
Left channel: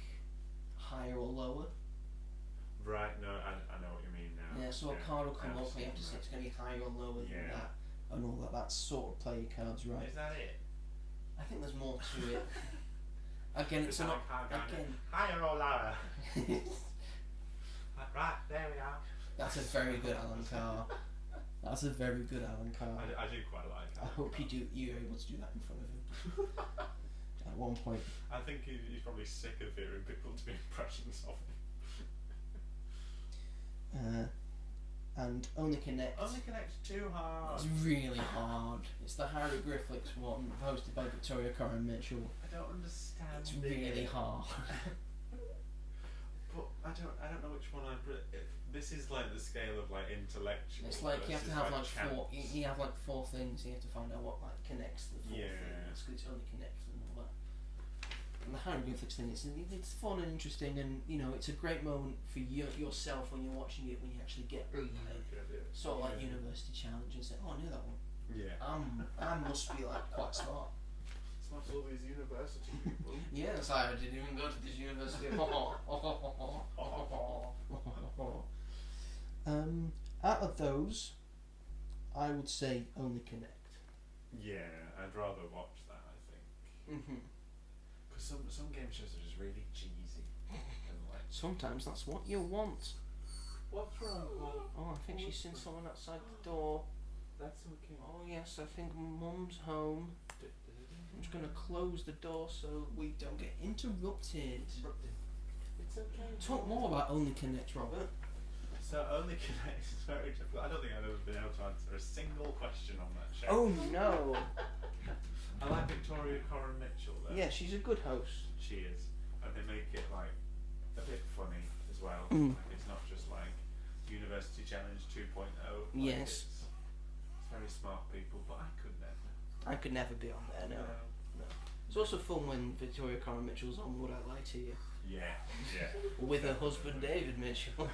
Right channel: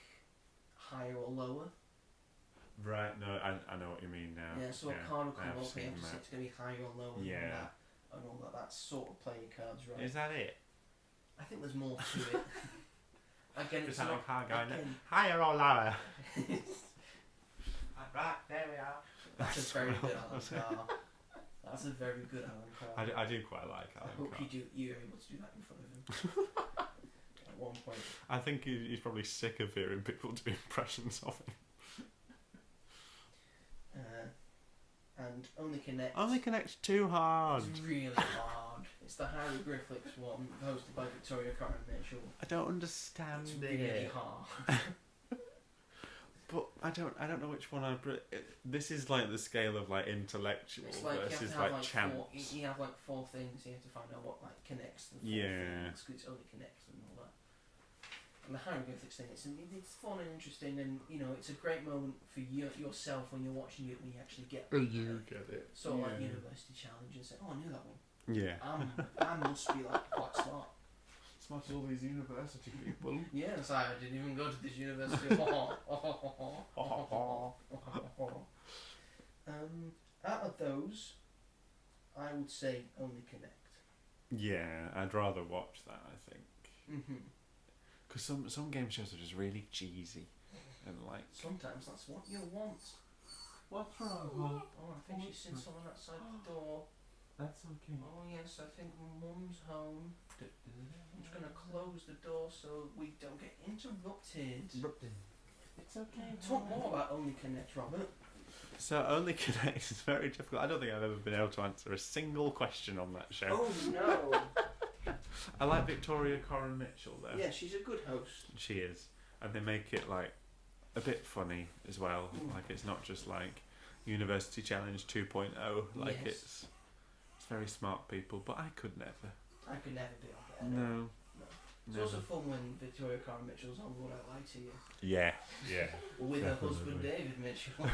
higher or lower. Right, no, I know what you mean now. Yeah, so a card will come I've up and you seen have to say that. it's going to be higher or lower than Yeah. that, and all that. That's sort of Play Your Cards Right. Is that it? I think there's more to it. Again, it's Is that not. like Car Guy? Again, Higher or lower? Right, there we are. that's a very good Alan Carr. That's a very good Alan Carr. I do quite like I Alan hope Carr. you're able to do that in front of him. At one point. I think he's probably sick of hearing people do impressions of him. And Only Connect. Only connects too hard. It's really hard. It's the hieroglyphics one, hosted by Victoria Coren Mitchell. I don't understand It's really hard. But I don't know which one this is like the scale of like intellectual It's like you have versus to have like like chance. you have like 4 things. You have to find out what like connects the 4 Yeah. things, 'cause it only connects them all that. And the hieroglyphics thing, it's fun and interesting, and you know it's a great moment for yourself when you're watching it, when you actually get Get it. sort of like university challenge and say, oh, I knew that one. Yeah. I must be like quite smart. Smart all these university people. Yeah, it's like I didn't even go to this university. Out of those, I would say Only Connect. Yeah, I'd rather watch that, I think. Because some game shows are just really cheesy, and like Sometimes that's what you want. what's wrong? Oh, I think she's seen someone outside the door. That's okay. Oh yes, I think Mum's home. I'm just gonna close the door so we don't get interrupted. It's okay. Talk more about Only Connect, Robert. So Only Connect is very difficult. I don't think I've ever been able to answer a single question on that show. Oh no! I like Victoria Coren Mitchell though. Yeah, she's a good host. She is, and they make it like a bit funny as well. Mm. Like it's not just like University Challenge 2.0. Like Yes. it's very smart people, but I could never. I could never be on there. No. It's also fun when Victoria Coren Mitchell's on Would I Lie to You? Yeah, yeah. With her husband David Mitchell.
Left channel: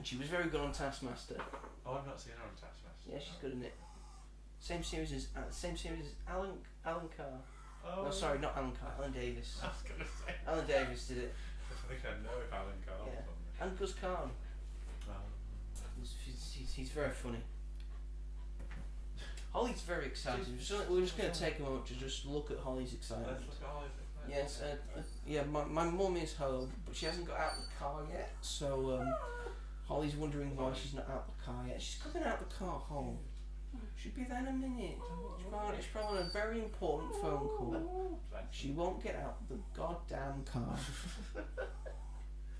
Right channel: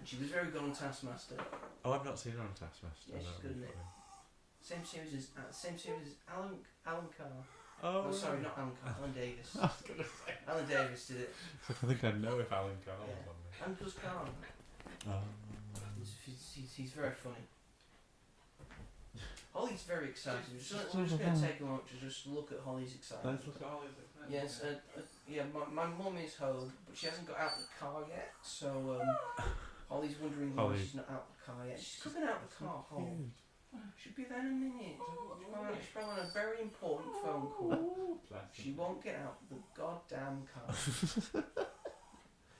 And she was very good on Taskmaster. Oh, I've not seen her on Taskmaster. Yeah, she's good in it. Same series as Alan Carr. Oh, Oh, sorry, not Alan Carr. Alan Davis. I was gonna say. Alan Davis did it. I think I know if Alan Carr was Yeah. on there. And Gus Kahn. Oh. He's very funny. Holly's very excited. We're just going to take a moment to just look at Holly's excitement. Let's look at all of it. Yes, yeah, my mum is home, but she hasn't got out the car yet, so Holly's wondering why she's not out the car yet. She's coming out the car home. She'll be there in a minute. She's probably on a very important phone call. She won't get out the goddamn car.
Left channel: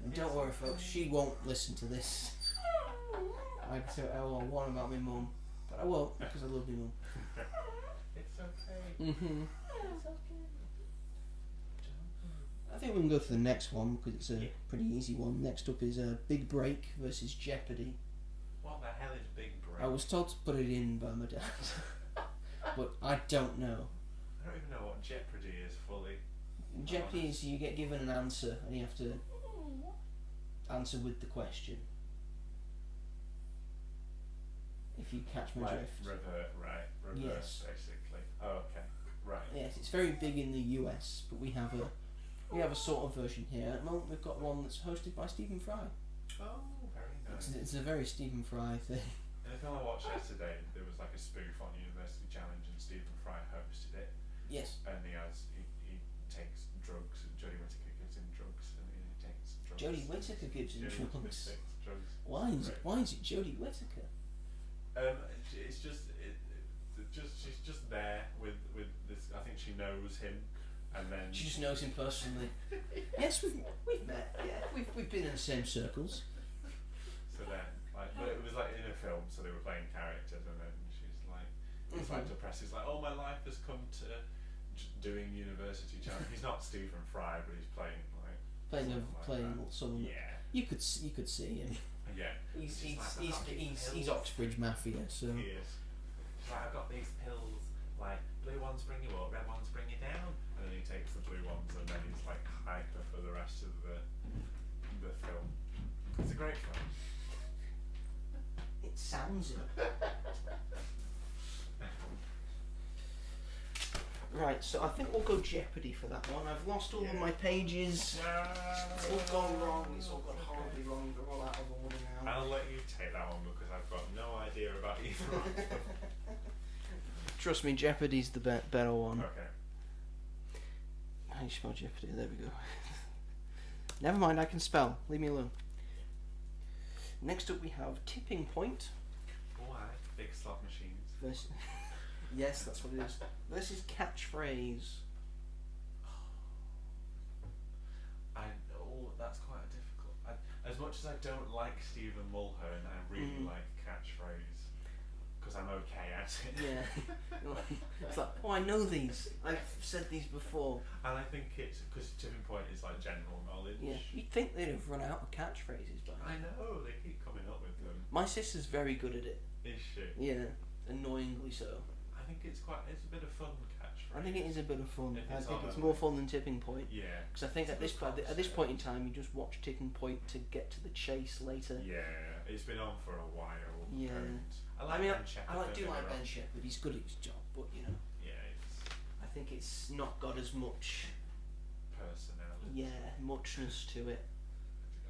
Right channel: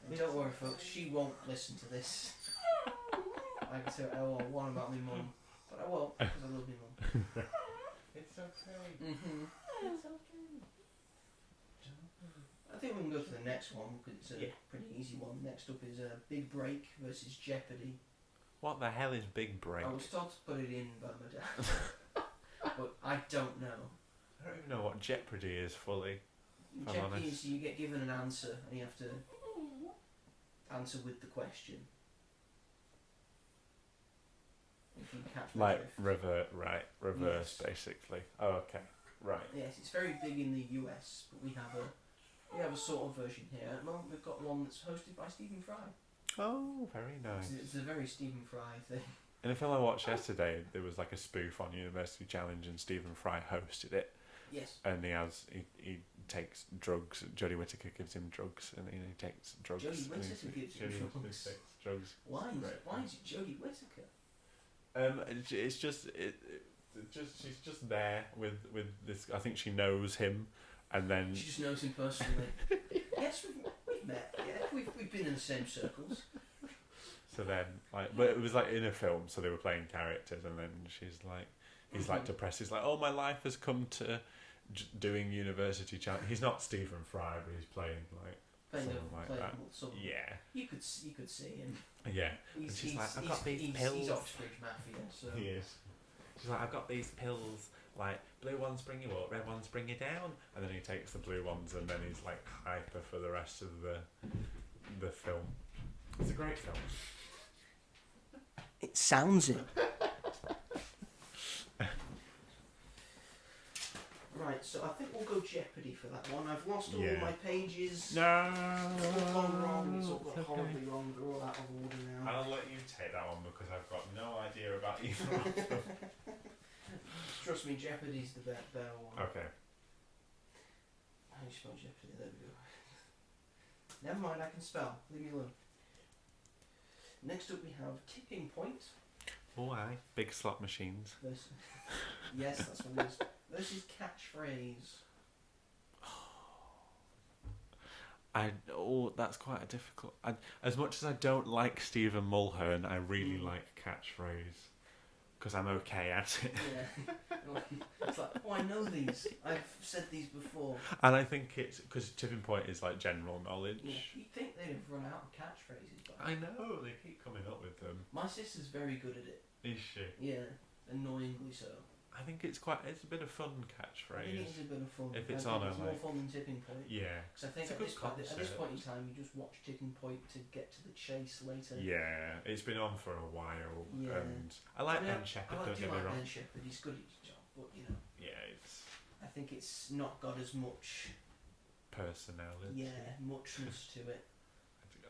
And don't worry, folks, she won't listen to this. I can say what I want about my mum, but I won't, because I love my mum. It's okay. Mm-hmm. It's okay. I think we can go to the next one because it's a Yeah. pretty easy one. Next up is Big Break versus Jeopardy. What the hell is Big Break? I was told to put it in by my dad, but I don't know. I don't even know what Jeopardy is fully. I'm Jeopardy honest. is you get given an answer and you have to answer with the question. If you catch my Like drift. reverse Yes. basically. Oh, okay, right. Yes, it's very big in the US, but we have a sort of version here. At the moment, we've got one that's hosted by Stephen Fry. Oh, very nice. It's a very Stephen Fry thing. In a film I watched yesterday, there was like a spoof on University Challenge, and Stephen Fry hosted it, Yes. and he takes drugs. Jodie Whittaker gives him drugs, and he takes drugs. Jodie and Whittaker gives him Jodie drugs. Whittaker takes drugs. Why is it Jodie Whittaker? It's just she's just there with this. I think she knows him, and then She just knows him personally. Yes, we've met. Yeah, we've been in the same circles. so then like, but it was like in a film, so they were playing characters, and then he's like depressed. He's like, oh, my life has come to doing University Challenge. He's not Stephen Fry, but he's playing that. Someone. Yeah, You could see him. yeah. He's like, "I've got these he's pills." Oxbridge Mafia. So He is. She's like, I've got these pills, like blue ones bring you up, red ones bring you down, and then he takes the blue ones, and then he's like hyper for the rest of the film. It's a great film. it sounds it. Right, so I think we'll go Jeopardy for that one. I've lost all of Yeah. my pages. No, It's all gone wrong. It's all gone horribly wrong. They're all out of order now. I'll let you take that one because I've got no idea about either of them. Trust me, Jeopardy's the better one. Okay. How do you spell Jeopardy? There we go. Never mind, I can spell. Leave me alone. Next up we have Tipping Point. Oh, aye. Big slot machines. Versus yes, that's what it is. Versus Catchphrase. That's quite a difficult. As much as I don't like Stephen Mulhern, I really Mm. like Catchphrase because I'm okay at it. Yeah. It's like, oh, I know these. I've said these before. And I think it's because Tipping Point is like general knowledge. Yeah. You'd think they'd have run out of catchphrases by now. I know they keep coming up with them. My sister's very good at it. Is she? Yeah. Annoyingly so. I think it's a bit of fun catchphrase. I think it is a bit of fun. If I it's think on it's a, more like- fun than Tipping Point. Yeah. Because I think It's a at this good point in concept. time, you just watch Tipping Point to get to the chase later. Yeah, it's been on for a while. Yeah. And I like Ben Shepherd. I don't do get me like wrong. Ben Shepherd. He's good at his job, but you know, Yeah, it's I think it's not got as much, personality. muchness to it.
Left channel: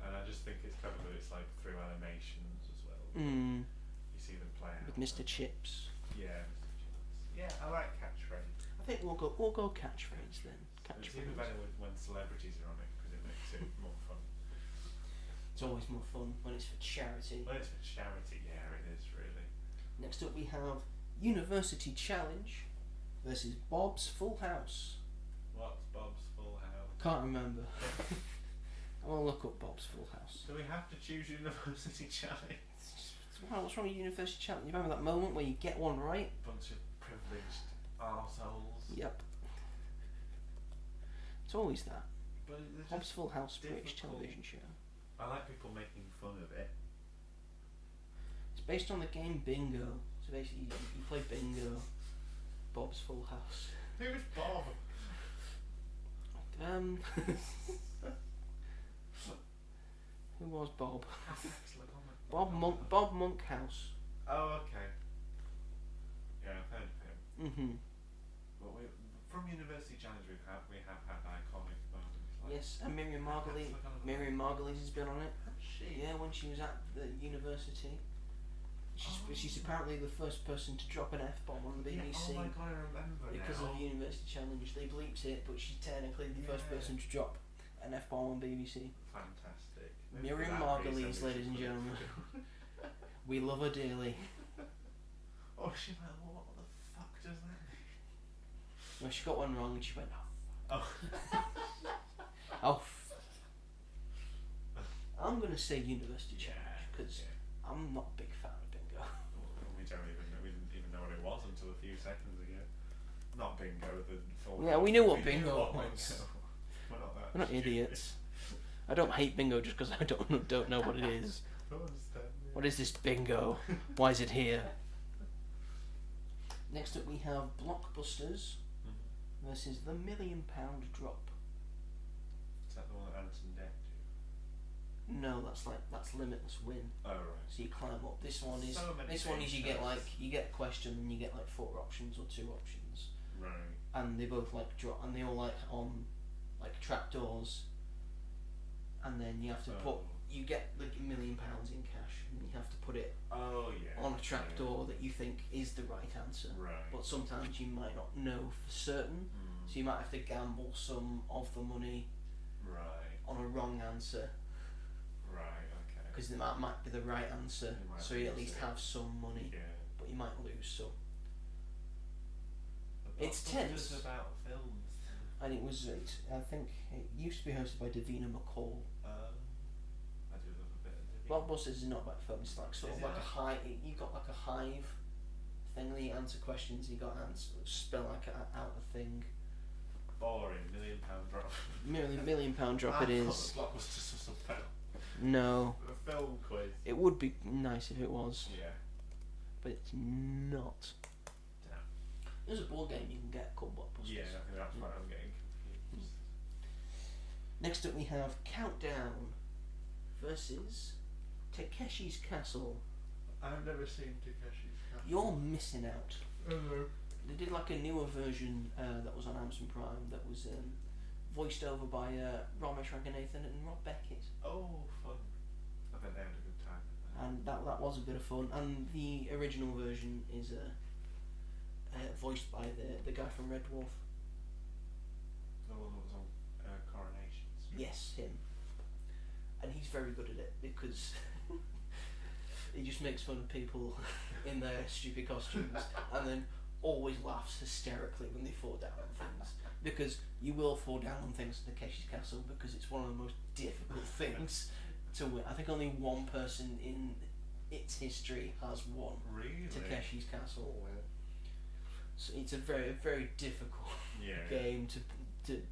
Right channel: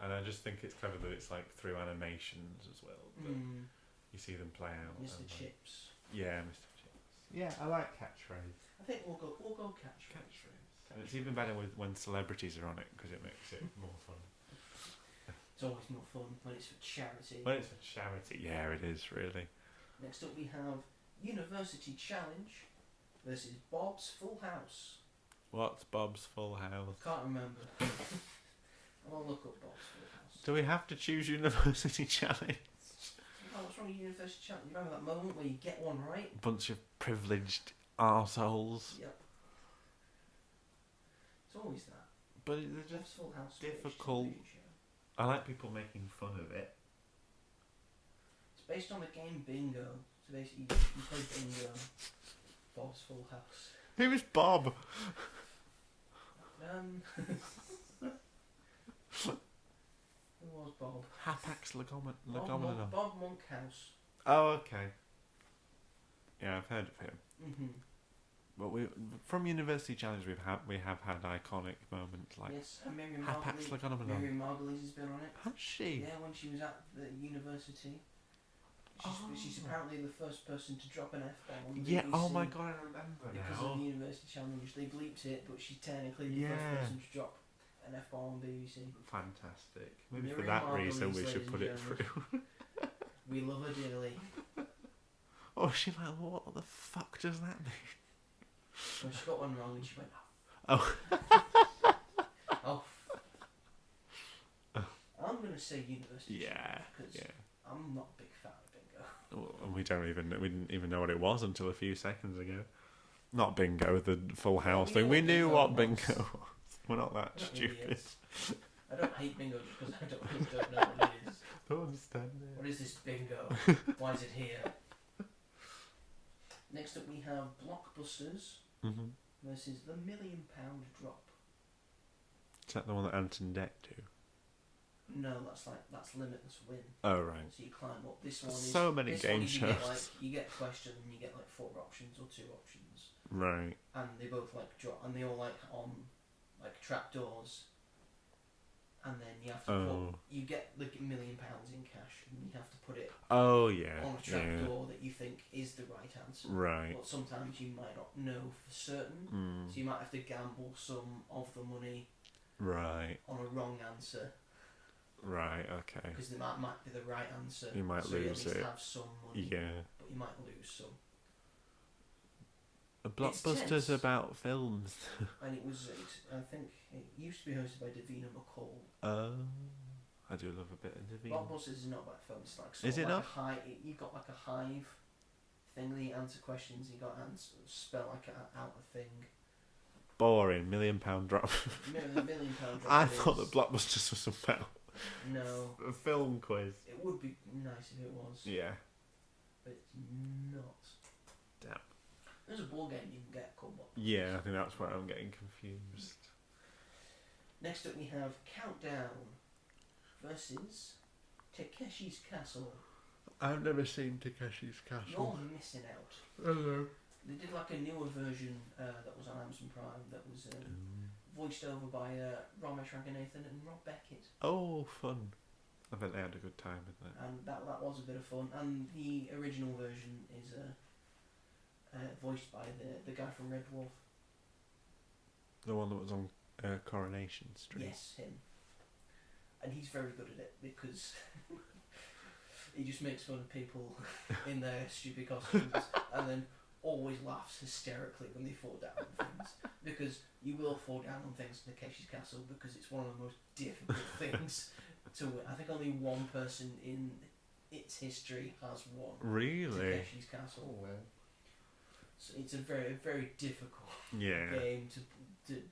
And I just think it's clever that it's like through animations as well. Mm. You see them play out. With Mr. Chips. Yeah, Mr. Chips. Yeah, I like catchphrase. I think we'll go catchphrase then. And it's even better when celebrities are on it because it makes it more fun. It's always more fun when it's for charity. When it's for charity, yeah, it is really. Next up we have University Challenge versus Bob's Full House. What's Bob's Full House? Can't remember. I'll look up Bob's Full House. Do we have to choose University Challenge? What's wrong with University Challenge? You remember that moment where you get one right? Bunch of privileged arseholes. Yep. It's always that. But it's Bob's just Full House, British difficult. television show. I like people making fun of it. It's based on the game Bingo. So basically, you play Bingo. Bob's Full House. Who is Bob? Who was Bob? Hafax Legomenon. Bob Monkhouse. Oh, okay. Yeah, I've heard of him. Mm-hmm. But from University Challenge we have had iconic moments like Yes, and Miriam Hafax Margolyes. Legomenon. Miriam Margolyes has been on it. Has she? Yeah, when she was at the university. She's apparently the first person to drop an F-bomb on the BBC. Yeah, oh my god, I remember Because now. of the University Challenge. They bleeped it, but she's technically the first Yeah. person to drop an F-bomb on BBC. Fantastic. Maybe Miriam for that reason Margolyes, we ladies should and put it gentlemen. through. We love her dearly. Oh, she's like, what the fuck does that mean? Well, she got one wrong and she went, Oh. oh. I'm going to say University Yeah, Challenge because yeah. I'm not a big fan of Bingo. Well, we didn't even know what it was until a few seconds ago. Not Bingo, the Full Yeah, House we thing. knew We what knew Bingo what was. Bingo was. We're not that We're not stupid. idiots. I don't hate Bingo just because I don't know what it is. Don't understand it. What is this Bingo? Why is it here? Next up we have Blockbusters Mm-hmm. versus the £1 Million Drop. Is that the one that Anton Deck do? No, that's Limitless Win. Oh, right. So you climb up. This one is So many this game one is shows. you get a question and you get like 4 options or 2 options, Right. and they both like drop and they all like on like trapdoors, and then you have to put Oh. you get like £1 million in cash and you have to put it Oh, yeah. on a trapdoor that you think is the right answer. Right. But sometimes you might not know for certain, Mm. so you might have to gamble some of the money Right. on a wrong answer Right, okay. because it might be the right answer. You might so you at lose least it. have some money, Yeah. but you might lose some. A It's Blockbuster's tense. about films. And I think it used to be hosted by Davina McCall. I do love a bit of Davina. Blockbusters is not about films. It's like sort Is of it like not? a hive. You got like a hive thing that you answer questions. You got spell like out a thing. Boring. £1 Million Drop. £1 million drop. I it thought is. that Blockbusters was about No, a film quiz. it would be nice if it was, Yeah. but it's not. Damn. There's a board game you can get called Blockbusters. Yeah, I think that's where I'm getting confused. Next up we have Countdown versus Takeshi's Castle. I've never seen Takeshi's Castle. You're missing out. Hello. They did like a newer version that was on Amazon Prime that was voiced over by Ramesh Ranganathan and Rob Beckett, Oh, fun. I bet they had a good time with that. and that was a bit of fun. And the original version is voiced by the guy from Red Dwarf. The one that was on Coronation Street. Yes, him. And he's very good at it because he just makes fun of people in their stupid costumes and then always laughs hysterically when they fall down on things. Because you will fall down on things in Takeshi's Castle because it's one of the most difficult things to win. I think only one person in its history has won Really? Takeshi's Castle. So it's a very difficult Yeah. game to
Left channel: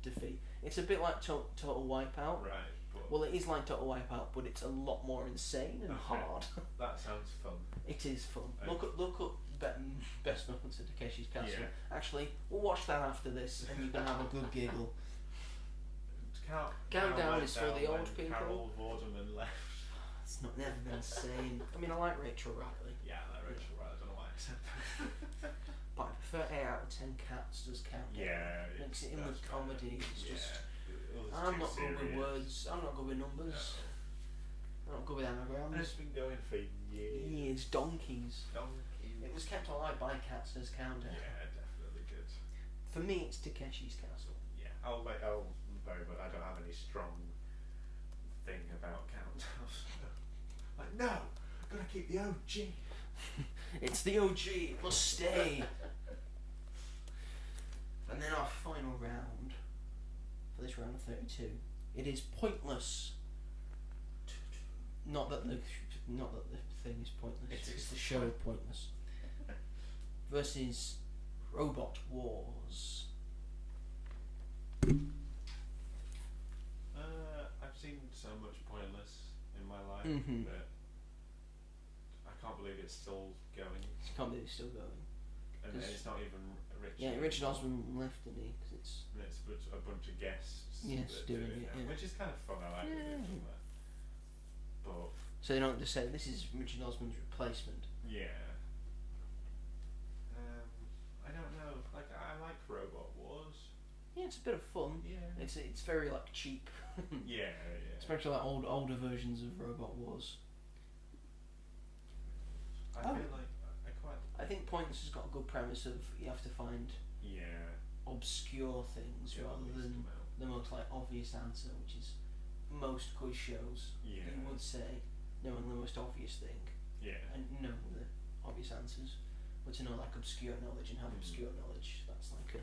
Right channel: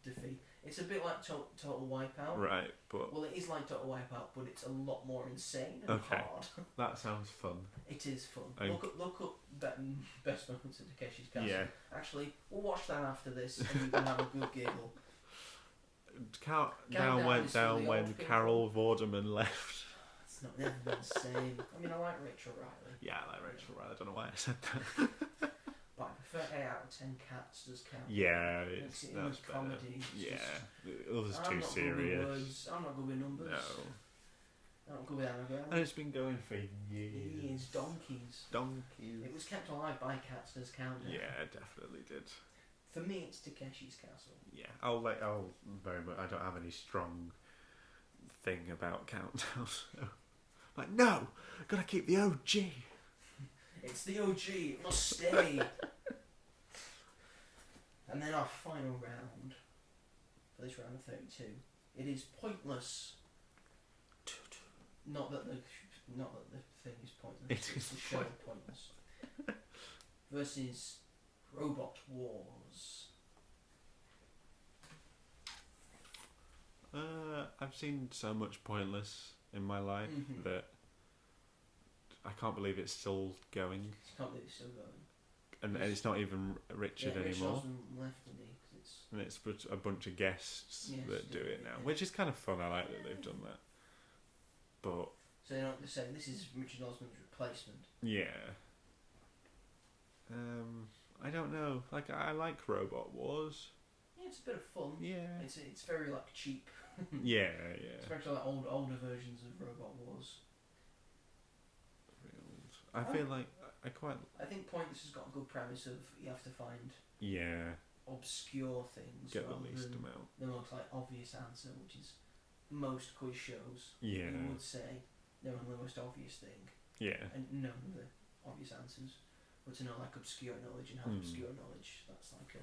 defeat. It's a bit like Total Wipeout. Right, but Well, it is like Total Wipeout, but it's a lot more insane and Okay. hard. that sounds fun. It is fun. Okay. Look up best moments of Takeshi's Castle. Yeah. Actually, we'll watch that after this, and you can have a good giggle. Countdown went is for down the when old people. Carol Vorderman left. It's not never been insane. I mean, I like Rachel Riley, Yeah, I like Rachel Riley. I don't know why I said that. but I prefer 8 out of 10 Cats does count. Yeah, Makes it in that's with better. comedy. It's Yeah, just- the others I'm too not good with serious. words. I'm not good with numbers. No, I'm not good with and anagrams. it's been going for years. Years, donkeys. Donkey. It was kept alive by Cats as Countdown. Yeah, definitely did. For me, it's Takeshi's Castle. Yeah, I'll very much. I don't have any strong thing about Countdown. So. Like, no, gotta keep the OG. It's the OG. It must stay. And then our final round for this round of 32. It is Pointless. Not that the thing is pointless. It's the show Pointless. Versus Robot Wars. I've seen so much Pointless in my life Mhm. that I can't believe it's still going, I can't believe it's still going. and it's not even Richard Yeah, Richard anymore. Osman left, didn't he? 'Cause it's And it's a bunch of guests Yes, that do doing it it, now, yeah. which is kind of fun. I like that they've Yeah. done that. But so they don't just say this is Richard Osman's replacement. yeah, I don't know. Like, I like Robot Wars. Yeah, it's a bit of fun. Yeah, It's very like cheap, yeah. especially like older versions of Robot Wars. I feel like I quite I think Pointless has got a good premise of you have to find obscure things get the rather least than amount. the most like obvious answer, which is most quiz shows. Yeah, You would say knowing the most obvious thing yeah, and knowing the obvious answers, but to know like obscure knowledge and have obscure knowledge, that's like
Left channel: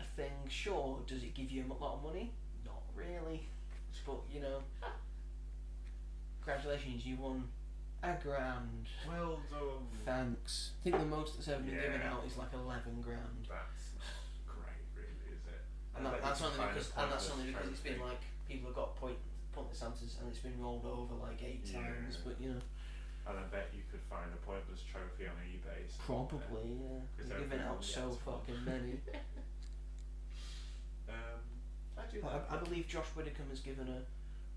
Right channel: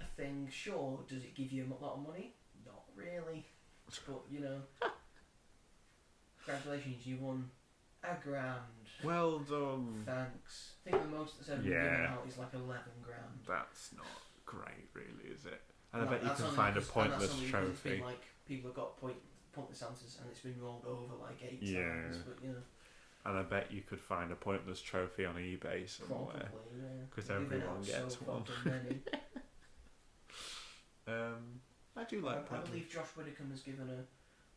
a thing. Sure, does it give you a lot of money? Not really, but you know. Congratulations, you won £1,000. Well done. Thanks. I think the most that's ever been given Yeah. out is like £11,000. That's not great, really, is it? And I And bet you that's can only find a because- and Pointless that's only because it's trophy. been like people have got pointless answers and it's been rolled over like 8 Yeah. times. But you know, And I bet you could find a Pointless trophy on eBay somewhere. probably yeah. 'Cause They're giving everyone out so gets one. fucking many. I do like I Pointless. believe Josh Widdicombe has given a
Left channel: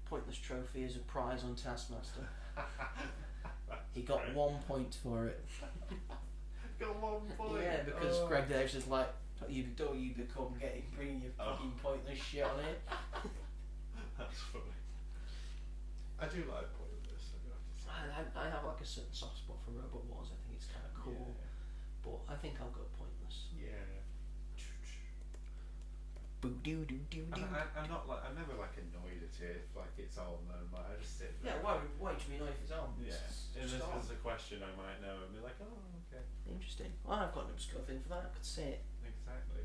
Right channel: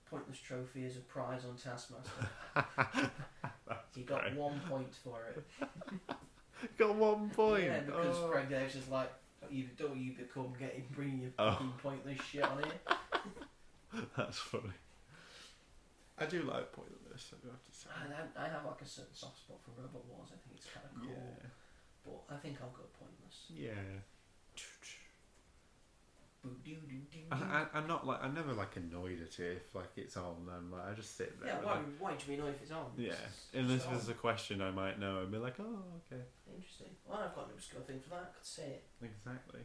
pointless trophy as a prize on Taskmaster. He got great. 1 point for it. Got 1 point. Yeah, because Oh. Greg Davis is like, you become bringing your Oh. fucking pointless shit on here. That's funny. I do like Pointless, I do have to say. I have like a certain soft spot for Robot Wars. I think it's kind of cool, but I think I'll go Pointless. Yeah. Boo doo doo doo doo. I'm not like, I'm never like annoyed at it if like it's on and like I just sit there. Yeah, and, why like, do you know if it's on? yeah. It's Unless on. there's a question I might know and be like, oh, okay. Interesting. Well, I've got an obscure thing for that. I could say it. Exactly.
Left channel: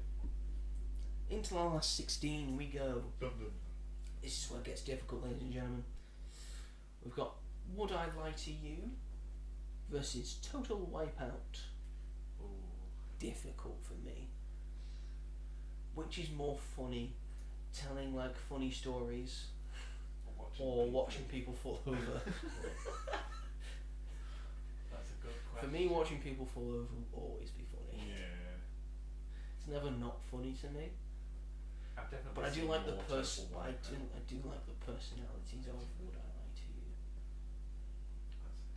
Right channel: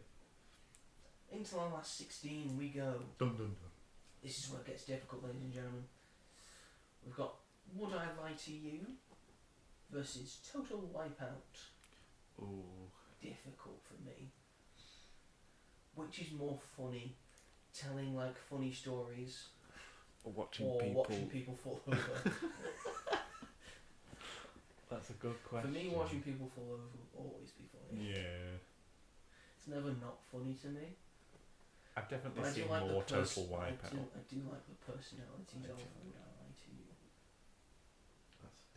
Into our last 16 we go. Dun dun This is where it gets difficult, ladies and gentlemen. We've got Would I Lie to You versus Total Wipeout. dun. Ooh. Difficult for me. Which is more funny? Telling like funny stories Or watching or people. watching people fall over? That's a good For question. me, watching people fall over will always be funny. Yeah. It's never not funny to me. I've definitely But I do seen like more the Total Wipeout. I do like the personalities of Would I Lie to You.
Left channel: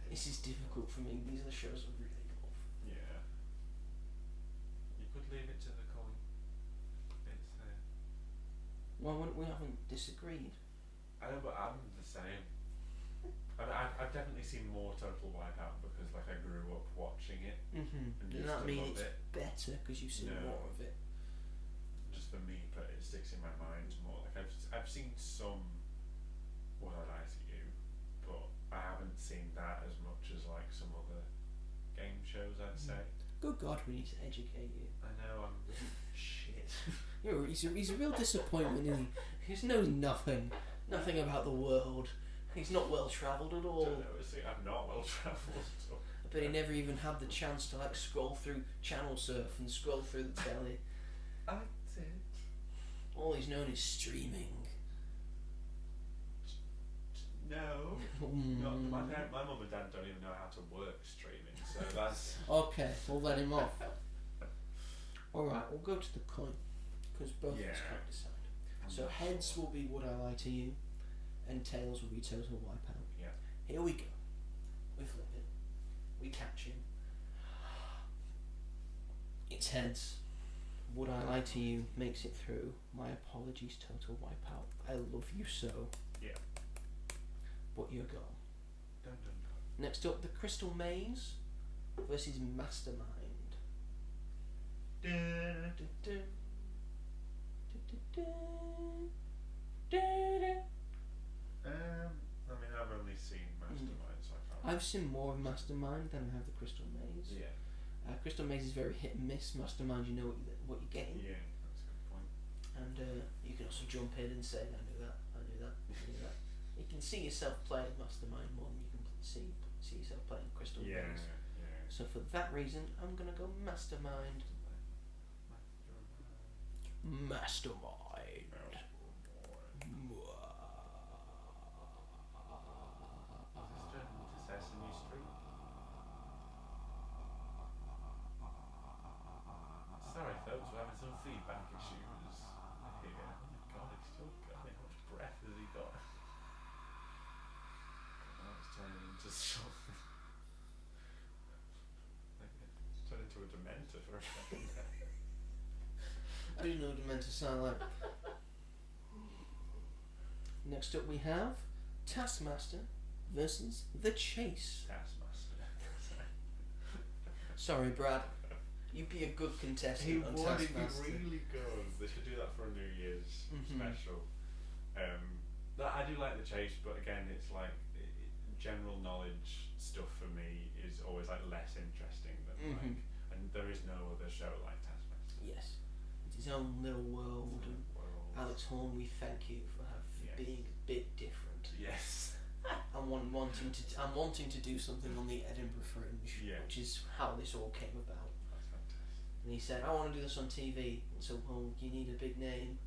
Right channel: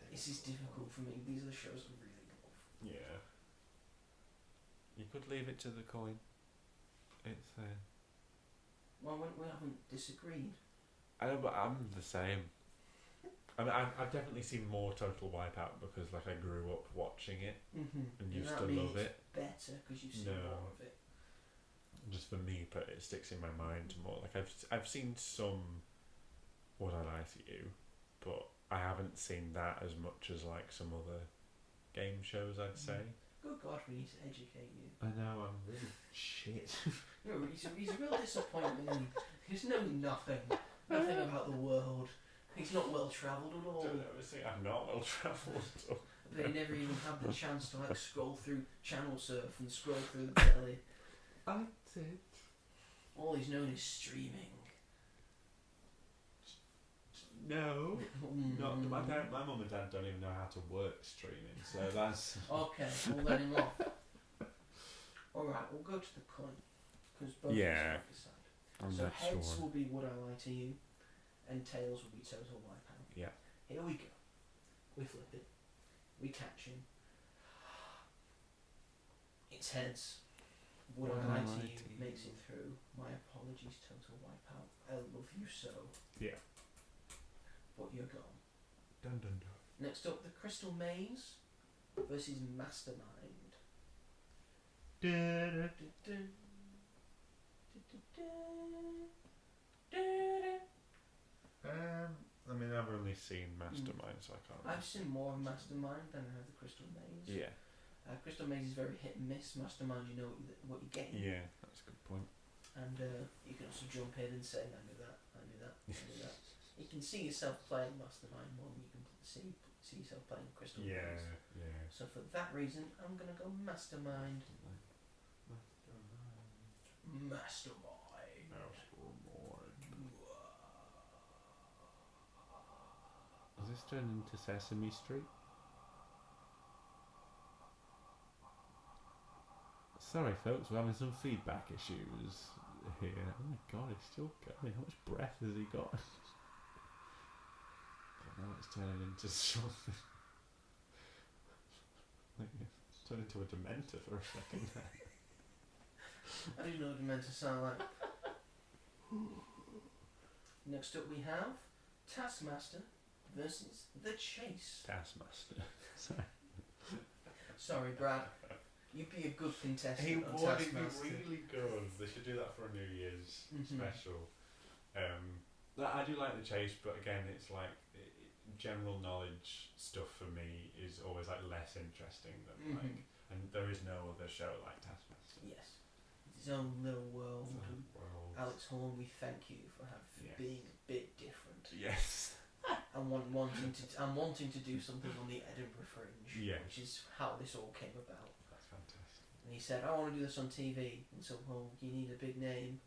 This is difficult for me. These are the shows I really love. Yeah. You could leave it to the coin. It's Why wouldn't we haven't disagreed? I know, but I'm the same. I mean, I've definitely seen more Total Wipeout because like I grew up watching it Mm-hmm. and Does used that to mean love it's it. better because you've seen No. more of it? Just for me, but it sticks in my mind more. Like I've seen some Would I Lie to You, but I haven't seen that as much as like some other game shows, I'd say. Good God, we need to educate you. I know, I'm really shit. He's a real disappointment. Isn't he knows nothing about the world. He's not well travelled at all. I'm not well travelled. But he never even had the chance to like scroll through channel surf and scroll through the telly. I did. All he's known is streaming. No. Not my mum and dad don't even know how to work streaming, so that's Okay, we'll let him off. Alright, we'll go to the coin. Because both of us Yeah. can't decide. I'm So not heads sure. will be Would I Lie to You, and tails will be Total Wipeout. Yeah. Here we go. We flip it. We catch him. It's heads. Would I Lie to You makes it through. My apologies, Total Wipeout. I love you so. Yeah. But you're gone. Dun, dun, dun. Next up, the Crystal Maze versus Mastermind. I mean, I've only seen Mastermind, so I can't. I've seen more of Mastermind than I have the Crystal Maze. Yeah. Crystal Maze is very hit and miss. Mastermind, you know what you're getting. Yeah, that's a good point. And you can also jump in and say, I knew that, I knew that, I knew that. You can see yourself playing Mastermind more than you can see yourself playing Crystal Yeah, Maze. yeah. So for that reason, I'm going to go Mastermind. Mastermind. Is this turned into Sesame Street? Sorry folks, we're having some feedback issues here. Oh my god, it's still going. How much breath has he got? Now it's turning into something. It's turned into a Dementor for a second there. I do know what it's meant to sound like. Next up we have Taskmaster versus The Chase. Taskmaster. Sorry, Brad. You'd be a good contestant on would, it'd Taskmaster. be really good. They should do that for a New Year's special. I do like The Chase, but again, it's like general knowledge stuff for me is always like less interesting than like, and there is no other show like Taskmaster. Yes, it's his own little world. And Alex Horn, we thank you for being a bit different. Yes. And wanting to do something on the Edinburgh Fringe, which is how this all came about. That's fantastic. And he said, I want to do this on TV. And so, well, you need a big name.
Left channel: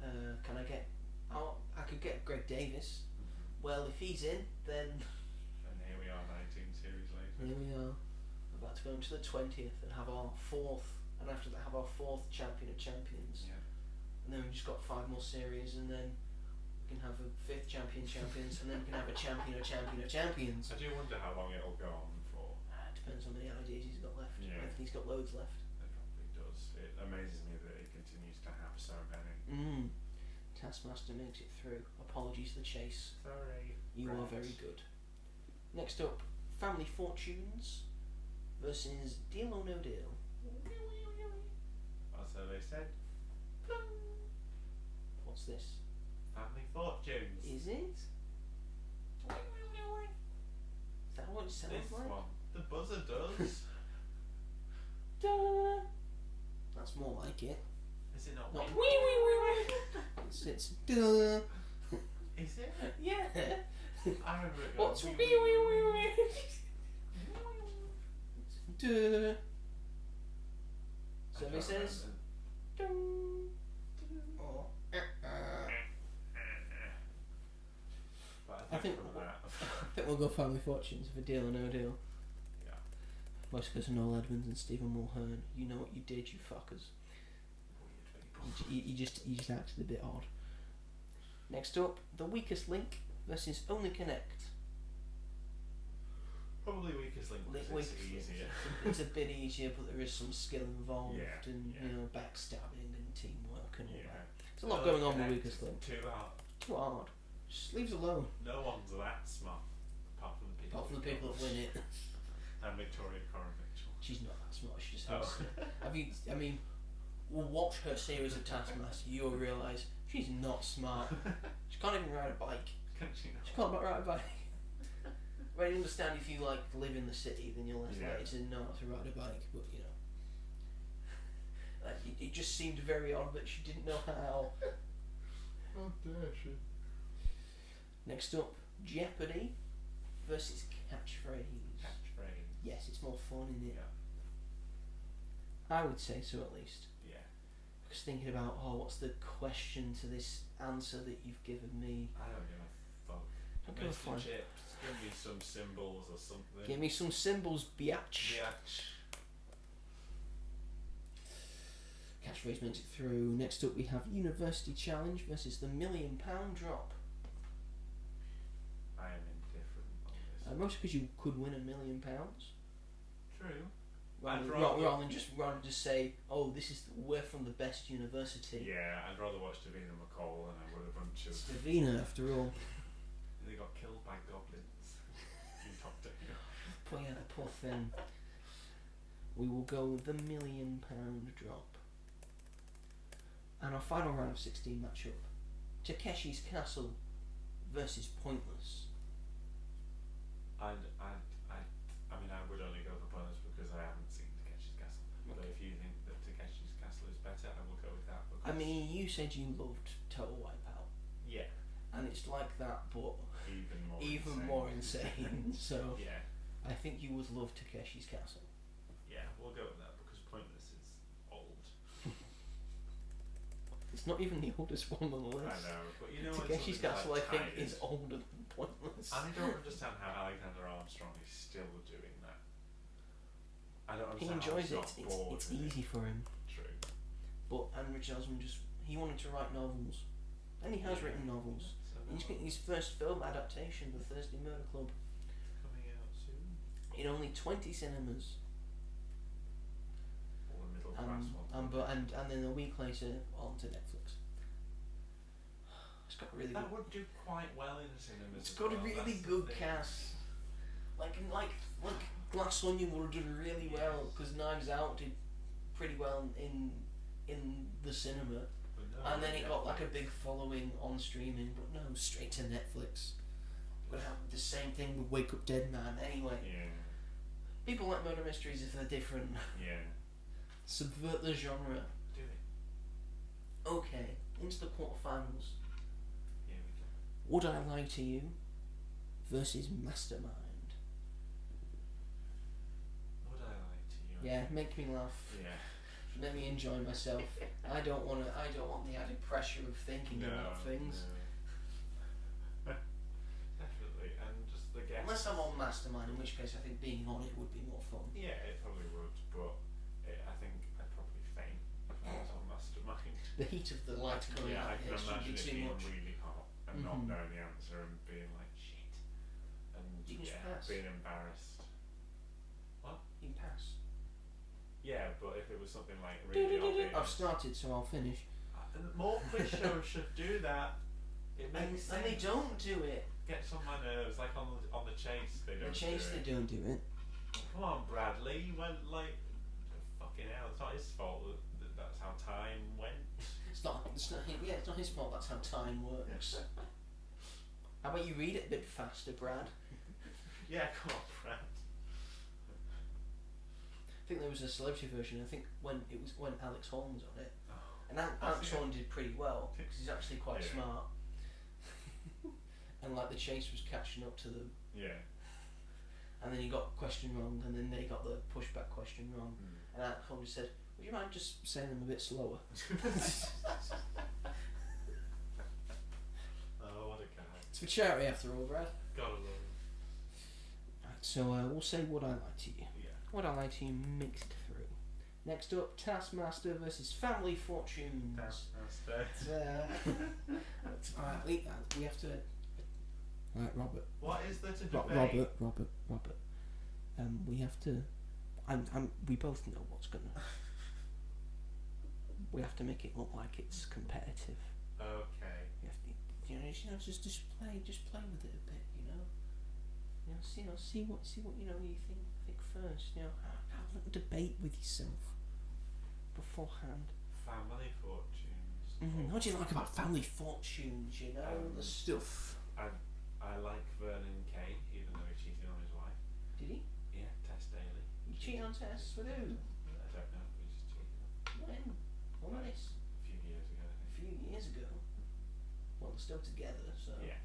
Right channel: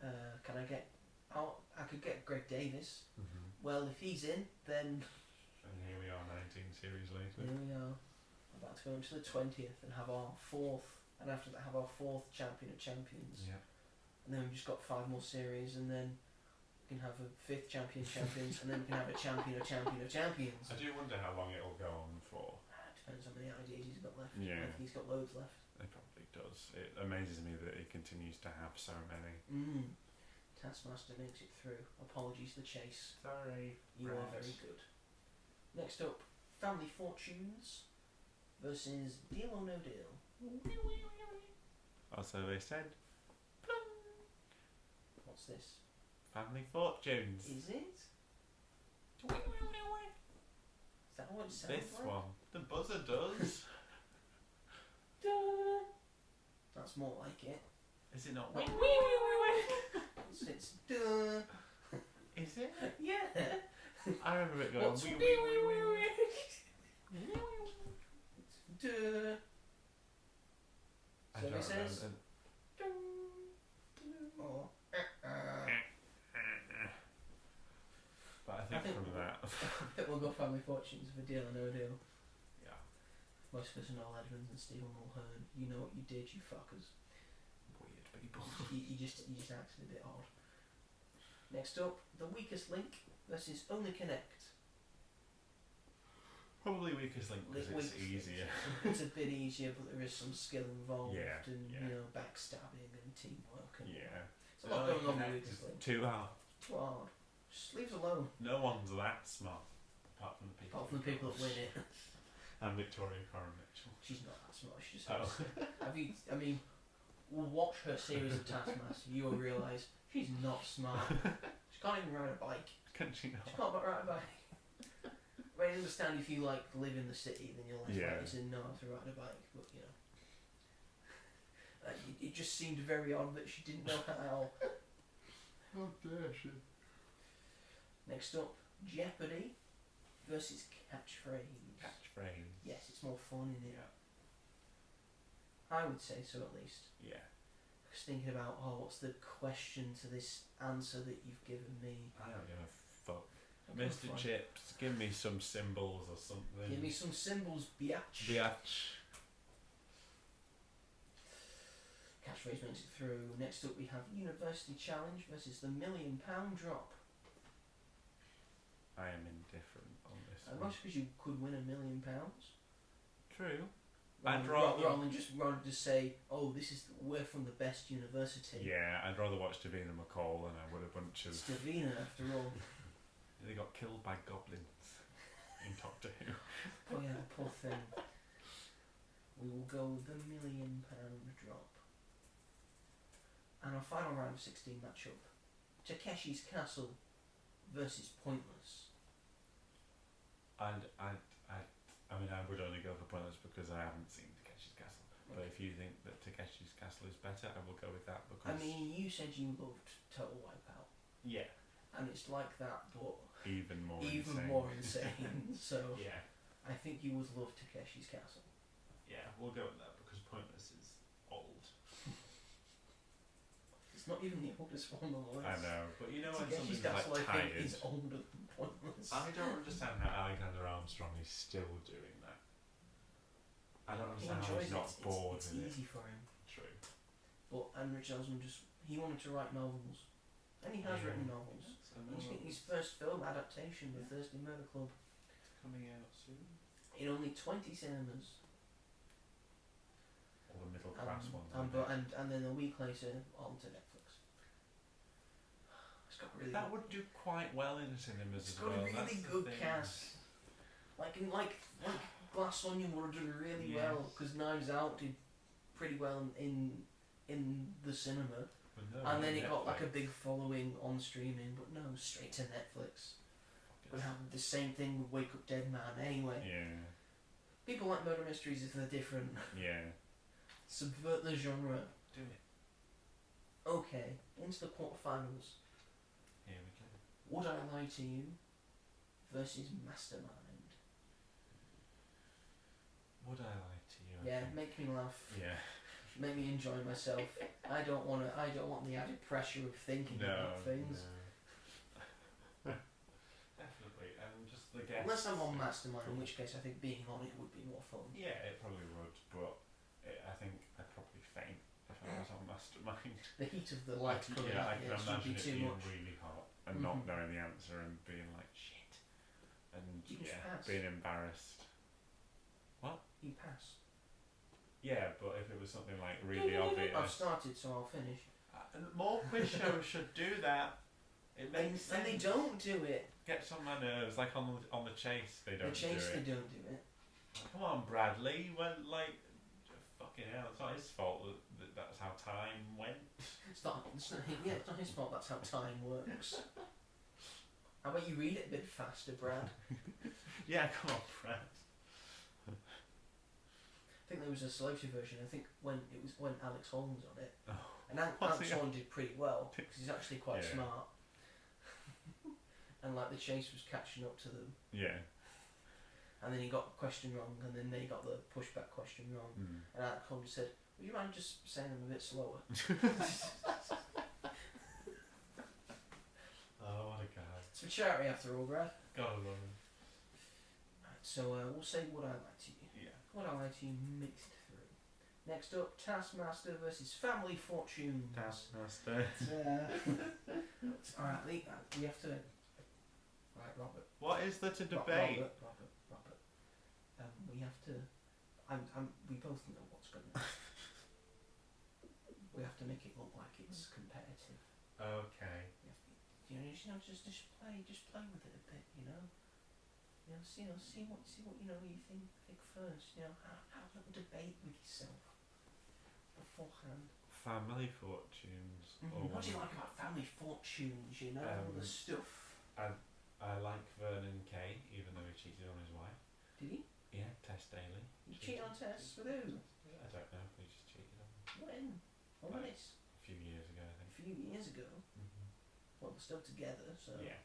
Can I get... I could get Greg Davis. Well, if he's in, then... And here we are 19 series later. Here we are. We're about to go into the 20th and have our fourth... And after that have our fourth Champion of Champions. Yeah. And then we've just got 5 more series, and then we can have a 5th Champion of Champions, and then we can have a Champion of Champions. I do wonder how long it'll go on for. Depends how many ideas he's got left. Yeah. I think he's got loads left. It probably does. It amazes me that he continues to have so many. Taskmaster makes it through. Apologies to The Chase. Sorry. You are very good. Next up, Family Fortunes versus Deal or No Deal. Also, they said What's this? Family Fortunes. Is it? Is that what it sounds This like? one. The buzzer does. Duh. That's more like it. Is it not? Not it's duh. Is it? Yeah. I remember it going. What's duh. So he says. Oh. But I think from that. I think we'll go Family Fortunes for Deal or No Deal. Yeah. Most of us are Noel Edmonds and Stephen Mulhern. You know what you did, you fuckers. Weird people. You just acted a bit odd. Next up, The Weakest Link versus Only Connect. Probably Weakest Link because it's easier. It's a bit easier, but there is some skill involved, Yeah, and yeah. you know, backstabbing and teamwork and all Yeah. that. There's a lot going on with Weakest Link. Too hard. Too hard. Just leaves alone. No one's that smart, apart from the people. Apart from the people that win it. And Victoria Coren Mitchell. She's not that smart. She just Oh. has. Have you? I mean, we'll watch her series of Taskmaster. You'll realise she's not smart. She can't even ride a bike. Can she She not? can't ride a bike. But I understand if you like live in the city, then you're less likely to know how to ride a bike. But you know, it just seemed very odd that she didn't know how. How dare she? Next up, Jeopardy versus Catchphrase. Catchphrase. Yes, it's more fun, isn't it? Yeah. I would say so, at least. Yeah. Because thinking about, what's the question to this answer that you've given me? I don't give a fuck. Don't give a Mr. fuck. Chips, give me some symbols or something. Give me some symbols, biatch. Biatch. Catchphrase makes it through. Next up, we have University Challenge versus the £1 Million Drop. I am indifferent on this. Mostly because you could win £1 million. True. Rather than just say, this is we're from the best university. Yeah, I'd rather watch Davina McCall than I would a bunch of. It's Davina, after all. They got killed by goblins in Doctor Who. Oh yeah, the poor thing. we will go the £1 million drop. And our final round of 16 matchup, Takeshi's Castle versus Pointless. I mean, I would only go for Pointless because I haven't seen Takeshi's Castle. But if you think that Takeshi's Castle is better, I will go with that because... I mean, you said you loved Total Wipeout. Yeah. And it's like that, but Even even insane. more insane. So Yeah. I think you would love Takeshi's Castle. Yeah, we'll go with that because Pointless is old. It's not even the oldest one on the list. I know, but you know what? Takeshi's Castle, like I think, tired. is older than Pointless. I don't understand how Alexander Armstrong is still doing that. I don't He understand how enjoys he's it. not bored It's with easy it. for him. True. But Richard Osman he wanted to write novels, and he has written novels. So He's getting his first film adaptation, The Thursday Murder Club, coming out soon. in only 20 cinemas, All the middle class ones. and then a week later onto Netflix. It's got really That would do quite well in the cinemas. it's as got a well, really that's the good thing. cast. Like Glass Onion would have done really well Yes. because Knives Out did pretty well in the cinema, But no, and then it got like a Netflix. big following on streaming. But no, straight to Netflix. We're gonna have the same thing with Wake Up Dead Man anyway. Yeah. People like murder mysteries if they're different. Yeah. Subvert the genre. Do it. Okay, into the quarterfinals. Here we go. Would I Lie to You versus Mastermind. Would I lie to you? Yeah, make me laugh. Yeah. Make me enjoy myself. I don't want the added pressure of thinking about things. No. Definitely, and just the guests. Unless I'm on Mastermind, in which case I think being on it would be more fun. Yeah, it probably would, but I think I'd probably faint if I was on Mastermind. The heat of the light coming Yeah, out, I can it would imagine be it too being much. really hot and not Mhm. knowing the answer and being like shit, and You can just yeah, pass. being embarrassed. You pass. Yeah, but if it was something like really obvious, I've started, so I'll finish. and more quiz shows should do that. It makes And they sense. don't do it. Gets on my nerves. Like on the Chase, they don't The Chase, do they it. don't do it. Come on, Bradley. When fucking hell, it's not his fault that that's how time went. It's not it's not his fault. That's how time works. How about you read it a bit faster, Brad? Yeah, come on, Brad. I think there was a celebrity version. I think when Alex Horn was on it, Oh. and Alex Horn did pretty well because he's actually quite Yeah. smart. And like the Chase was catching up to them, Yeah. and then he got a question wrong, and then they got the pushback question wrong, Mm. and Alex Horn just said, "Would you mind just saying them a bit slower?" Oh, what a guy. It's for charity after all, Brad. Gotta love him. So we'll say Would I Lie to You. Yeah. Would I Lie to You mixed through. Next up, Taskmaster versus Family Fortunes. Taskmaster. We have to. Right, Robert. What is there to debate? Robert. We have to. We both know what's gonna. We have to make it look like it's competitive. Okay. We have to, just play with it a bit, see what you think first. Have a little debate with yourself beforehand. Family Fortunes. What do you like about Family Fortunes? The stuff. I like Vernon Kay, even though he cheated on his wife. Did he? Yeah, Tess Daly. You cheat on Tess with who? I don't know. He just cheated on. When? When was Like, this? A few years ago, I A think. few years ago. Well, they're still together, so. Yeah.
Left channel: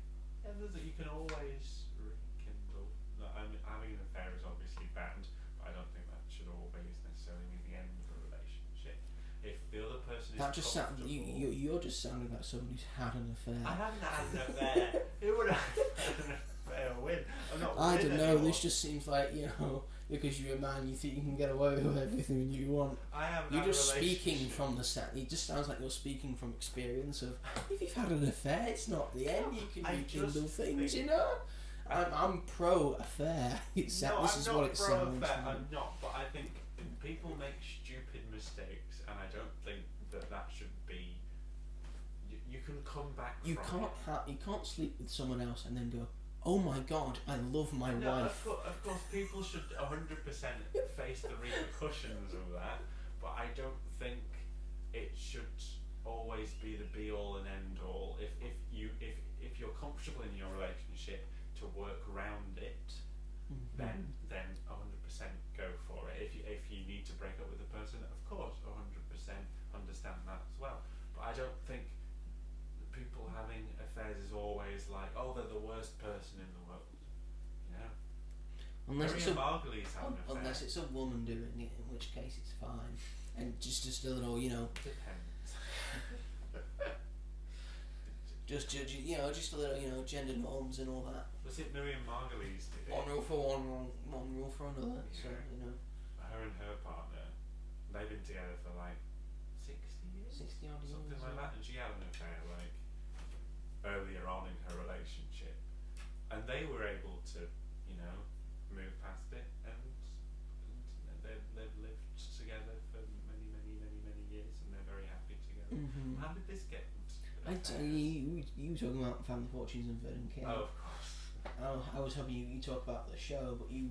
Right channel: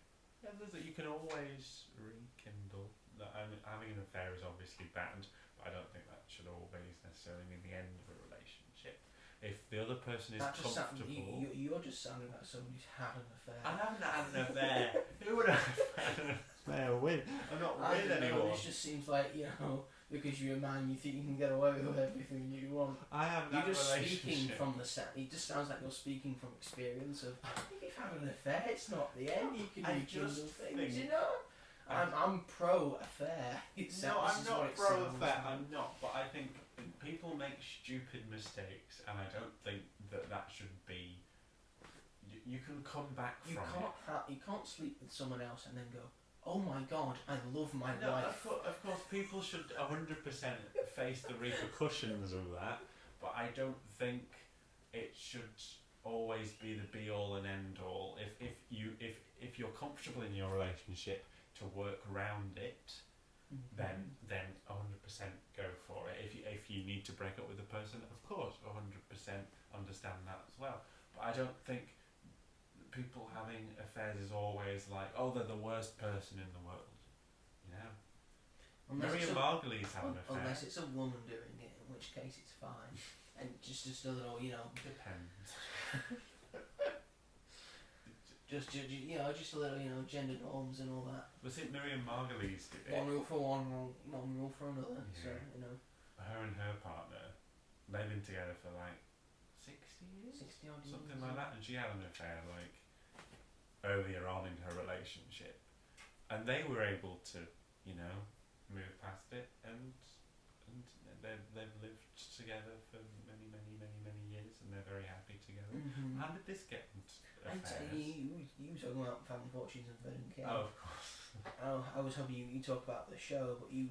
You can always rekindle. No, having an affair is obviously bad, but I don't think that should always necessarily mean the end of a relationship. If the other person is That just sounds. comfortable. You're just sounding like someone who's had an affair. I haven't had an affair. Who would have had an affair with? I'm not I with don't know. anyone. This just seems like because you're a man, you think you can get away with everything you want. I haven't You're had just a speaking relationship. from the set. It just sounds like you're speaking from experience of if you've had an affair, it's not the end. You can I rekindle just things, think- I'm pro affair. This No, is I'm not what it pro sounds affair. like. I'm not, but I think people make stupid mistakes, and I don't think that should be. You can come back You from can't it. you can't sleep with someone else and then go, oh my god, I love my No, wife. of course, people should 100% face the repercussions of that, but I don't think it should always be the be all and end all. If you're comfortable in your relationship to work around it, then 100% go for it. If you need to break up with a person, of course, 100% understand that as well. But I don't think people having affairs is always like, oh, they're the worst person in the world. You know, Miriam Margolyes have an affair. Unless it's a woman doing it, in which case it's fine. And just a little, Depends. just a little, gender norms and all that. Was it Miriam Margolyes did it? One rule for one rule for another. Yeah. So Her and her partner, they've been together for like 60 years, 60 odd years, something like that, and she had an affair like earlier on in her relationship, and they were able to, move past it, and they've lived together for many years, and they're very happy together. Mm-hmm. How did this get into you were talking about Family Fortunes and Vernon Kay. Oh, of course. I was hoping you talk about the show, but you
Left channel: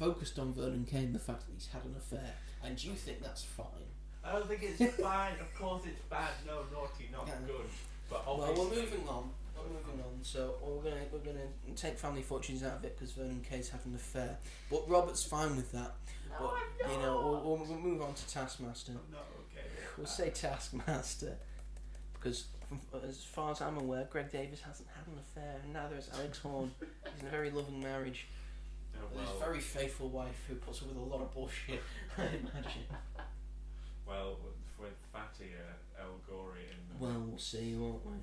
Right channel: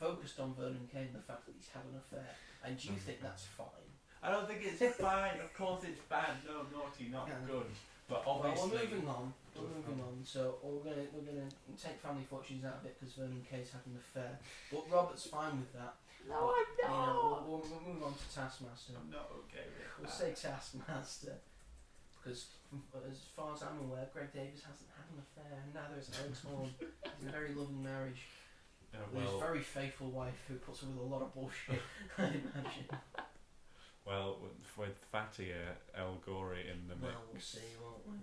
focused on Vernon Kay and the fact that he's had an affair, and you think that's fine. I don't think it's fine. Of course it's bad. No, naughty, not good. But obviously, well, we're moving on. So we're gonna take Family Fortunes out of it because Vernon Kay's had an affair. But Robert's fine with that. No, but, I'm not. We'll move on to Taskmaster. I'm not okay with We'll that. say Taskmaster because, as far as I'm aware, Greg Davis hasn't had an affair, and neither has Alex Horne. He's in a very loving marriage with his very faithful wife who puts up with a lot of bullshit. I imagine. Well, with Fatty, El Gorey in the Well, we'll see, won't we?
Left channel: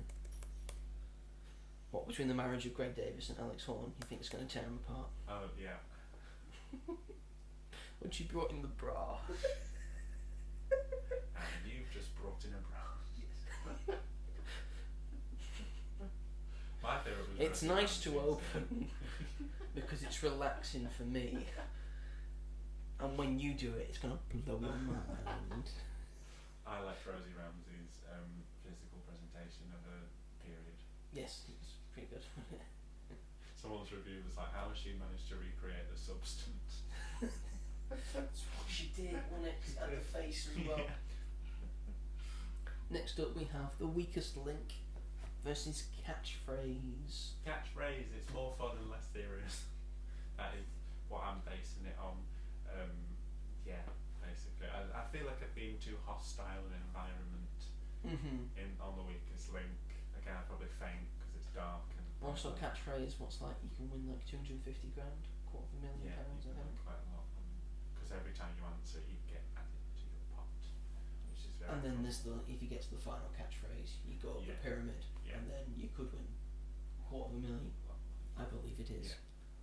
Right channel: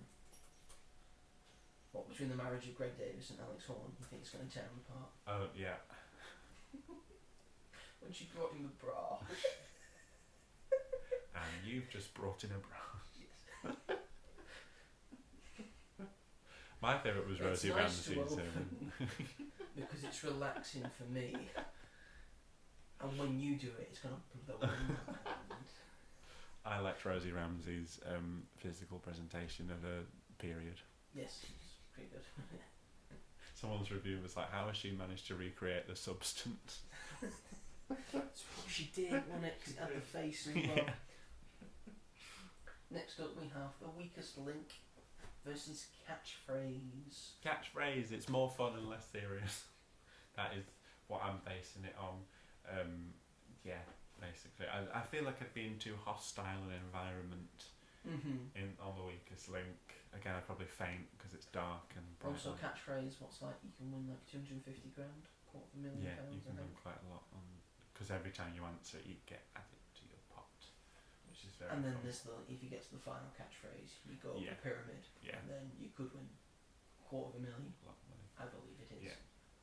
What, between the marriage of Greg Davis and Alex Horne, you think it's going to tear them apart? Oh, yeah. When she brought in the bra. And you've just brought in a bra. Yes. My favourite was It's Rosie nice to Ramsey's open because it's relaxing for me. And when you do it, it's going to blow my mind. I liked Rosie Ramsey's physical presentation of a period. Yes, it's pretty good. Someone's review was like, how has she managed to recreate the substance? That's what she did, wasn't it? 'Cause it had the face as well. Next up, we have The Weakest Link versus Catchphrase. Catchphrase, it's more fun and less serious. That is what I'm basing it on. Yeah, basically. I feel like I've been too hostile an environment on The Weakest Link. Again, I'd probably faint because it's dark and Also, Catchphrase, what's like, you can win like 250 grand, £250,000, yeah, I you can think. win quite a lot. Because every time you answer, you get added to your pot, which is very And then fun. there's if you get to the final catchphrase, you go up the pyramid, Yeah. and then you could win £250,000, Lot of money. I believe it is. Yeah.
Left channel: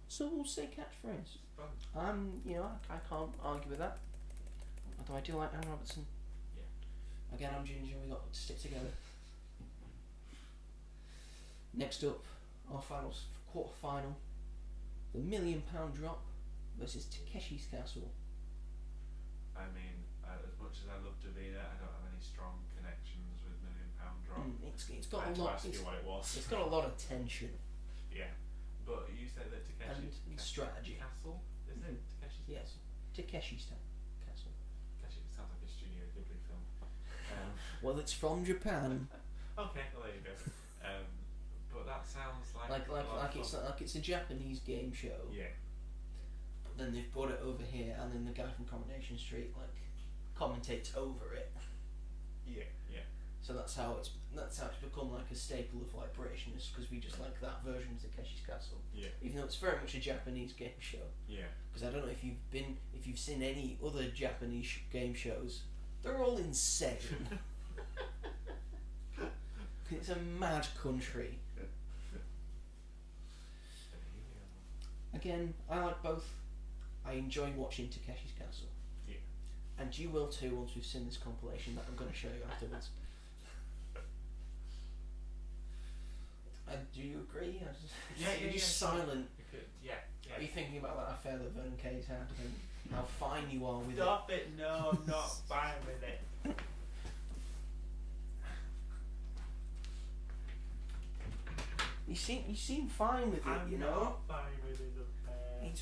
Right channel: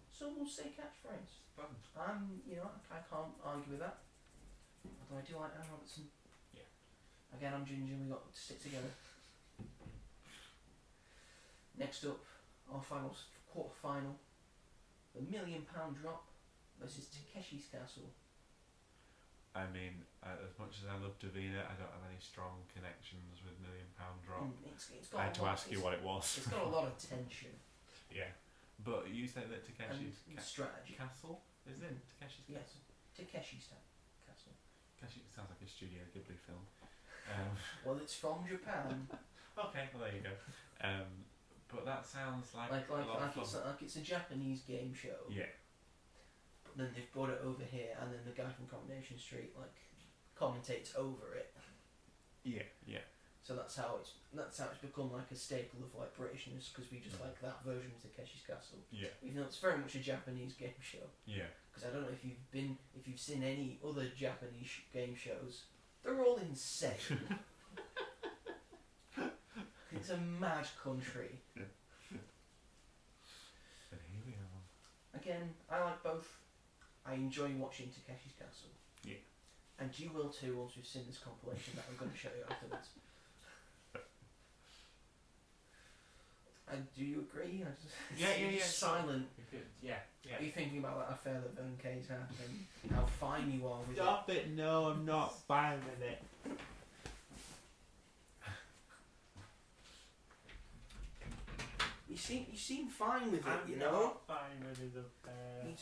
So we'll say catchphrase. It's fun. I can't argue with that. Although I do like Anne Robertson. Yeah. Again, I'm Ginger. We got to stick together. Next up, our quarter final, the £1 Million Drop versus Takeshi's Castle. I mean, as much as I love Davina, I don't have any strong connections with £1 Million Drop. It's I got had a to lot. ask you what it was. It's got a lot of tension Yeah. But you say that Takeshi's and strategy. Castle? Is it? Takeshi's Yes, Takeshi's Castle. Takeshi sounds like a Studio Ghibli film. Well, it's from Japan. Okay, well there you go. But that sounds like like a lot of it's fun. like it's a Japanese game show. Yeah. But then they've brought it over here, and then the guy from Coronation Street commentates over it. Yeah. Yeah. So that's how it's become like a staple of like Britishness, because we just like that version of Takeshi's Castle, Yeah. even though it's very much a Japanese game show. Yeah. Because I don't know if you've seen any other Japanese game shows, they're all insane. It's a mad country. And here we are. Again, I like both. I enjoy watching Takeshi's Castle. Yeah. And you will too once we've seen this compilation that I'm going to show you afterwards. And do you agree? You're just silent. Yeah. Are you thinking about that affair that Vernon Kay's had and how fine you are with Stop it! No, I'm not fine with it. it? you seem fine with it, I'm you know. not fine with his affair. It's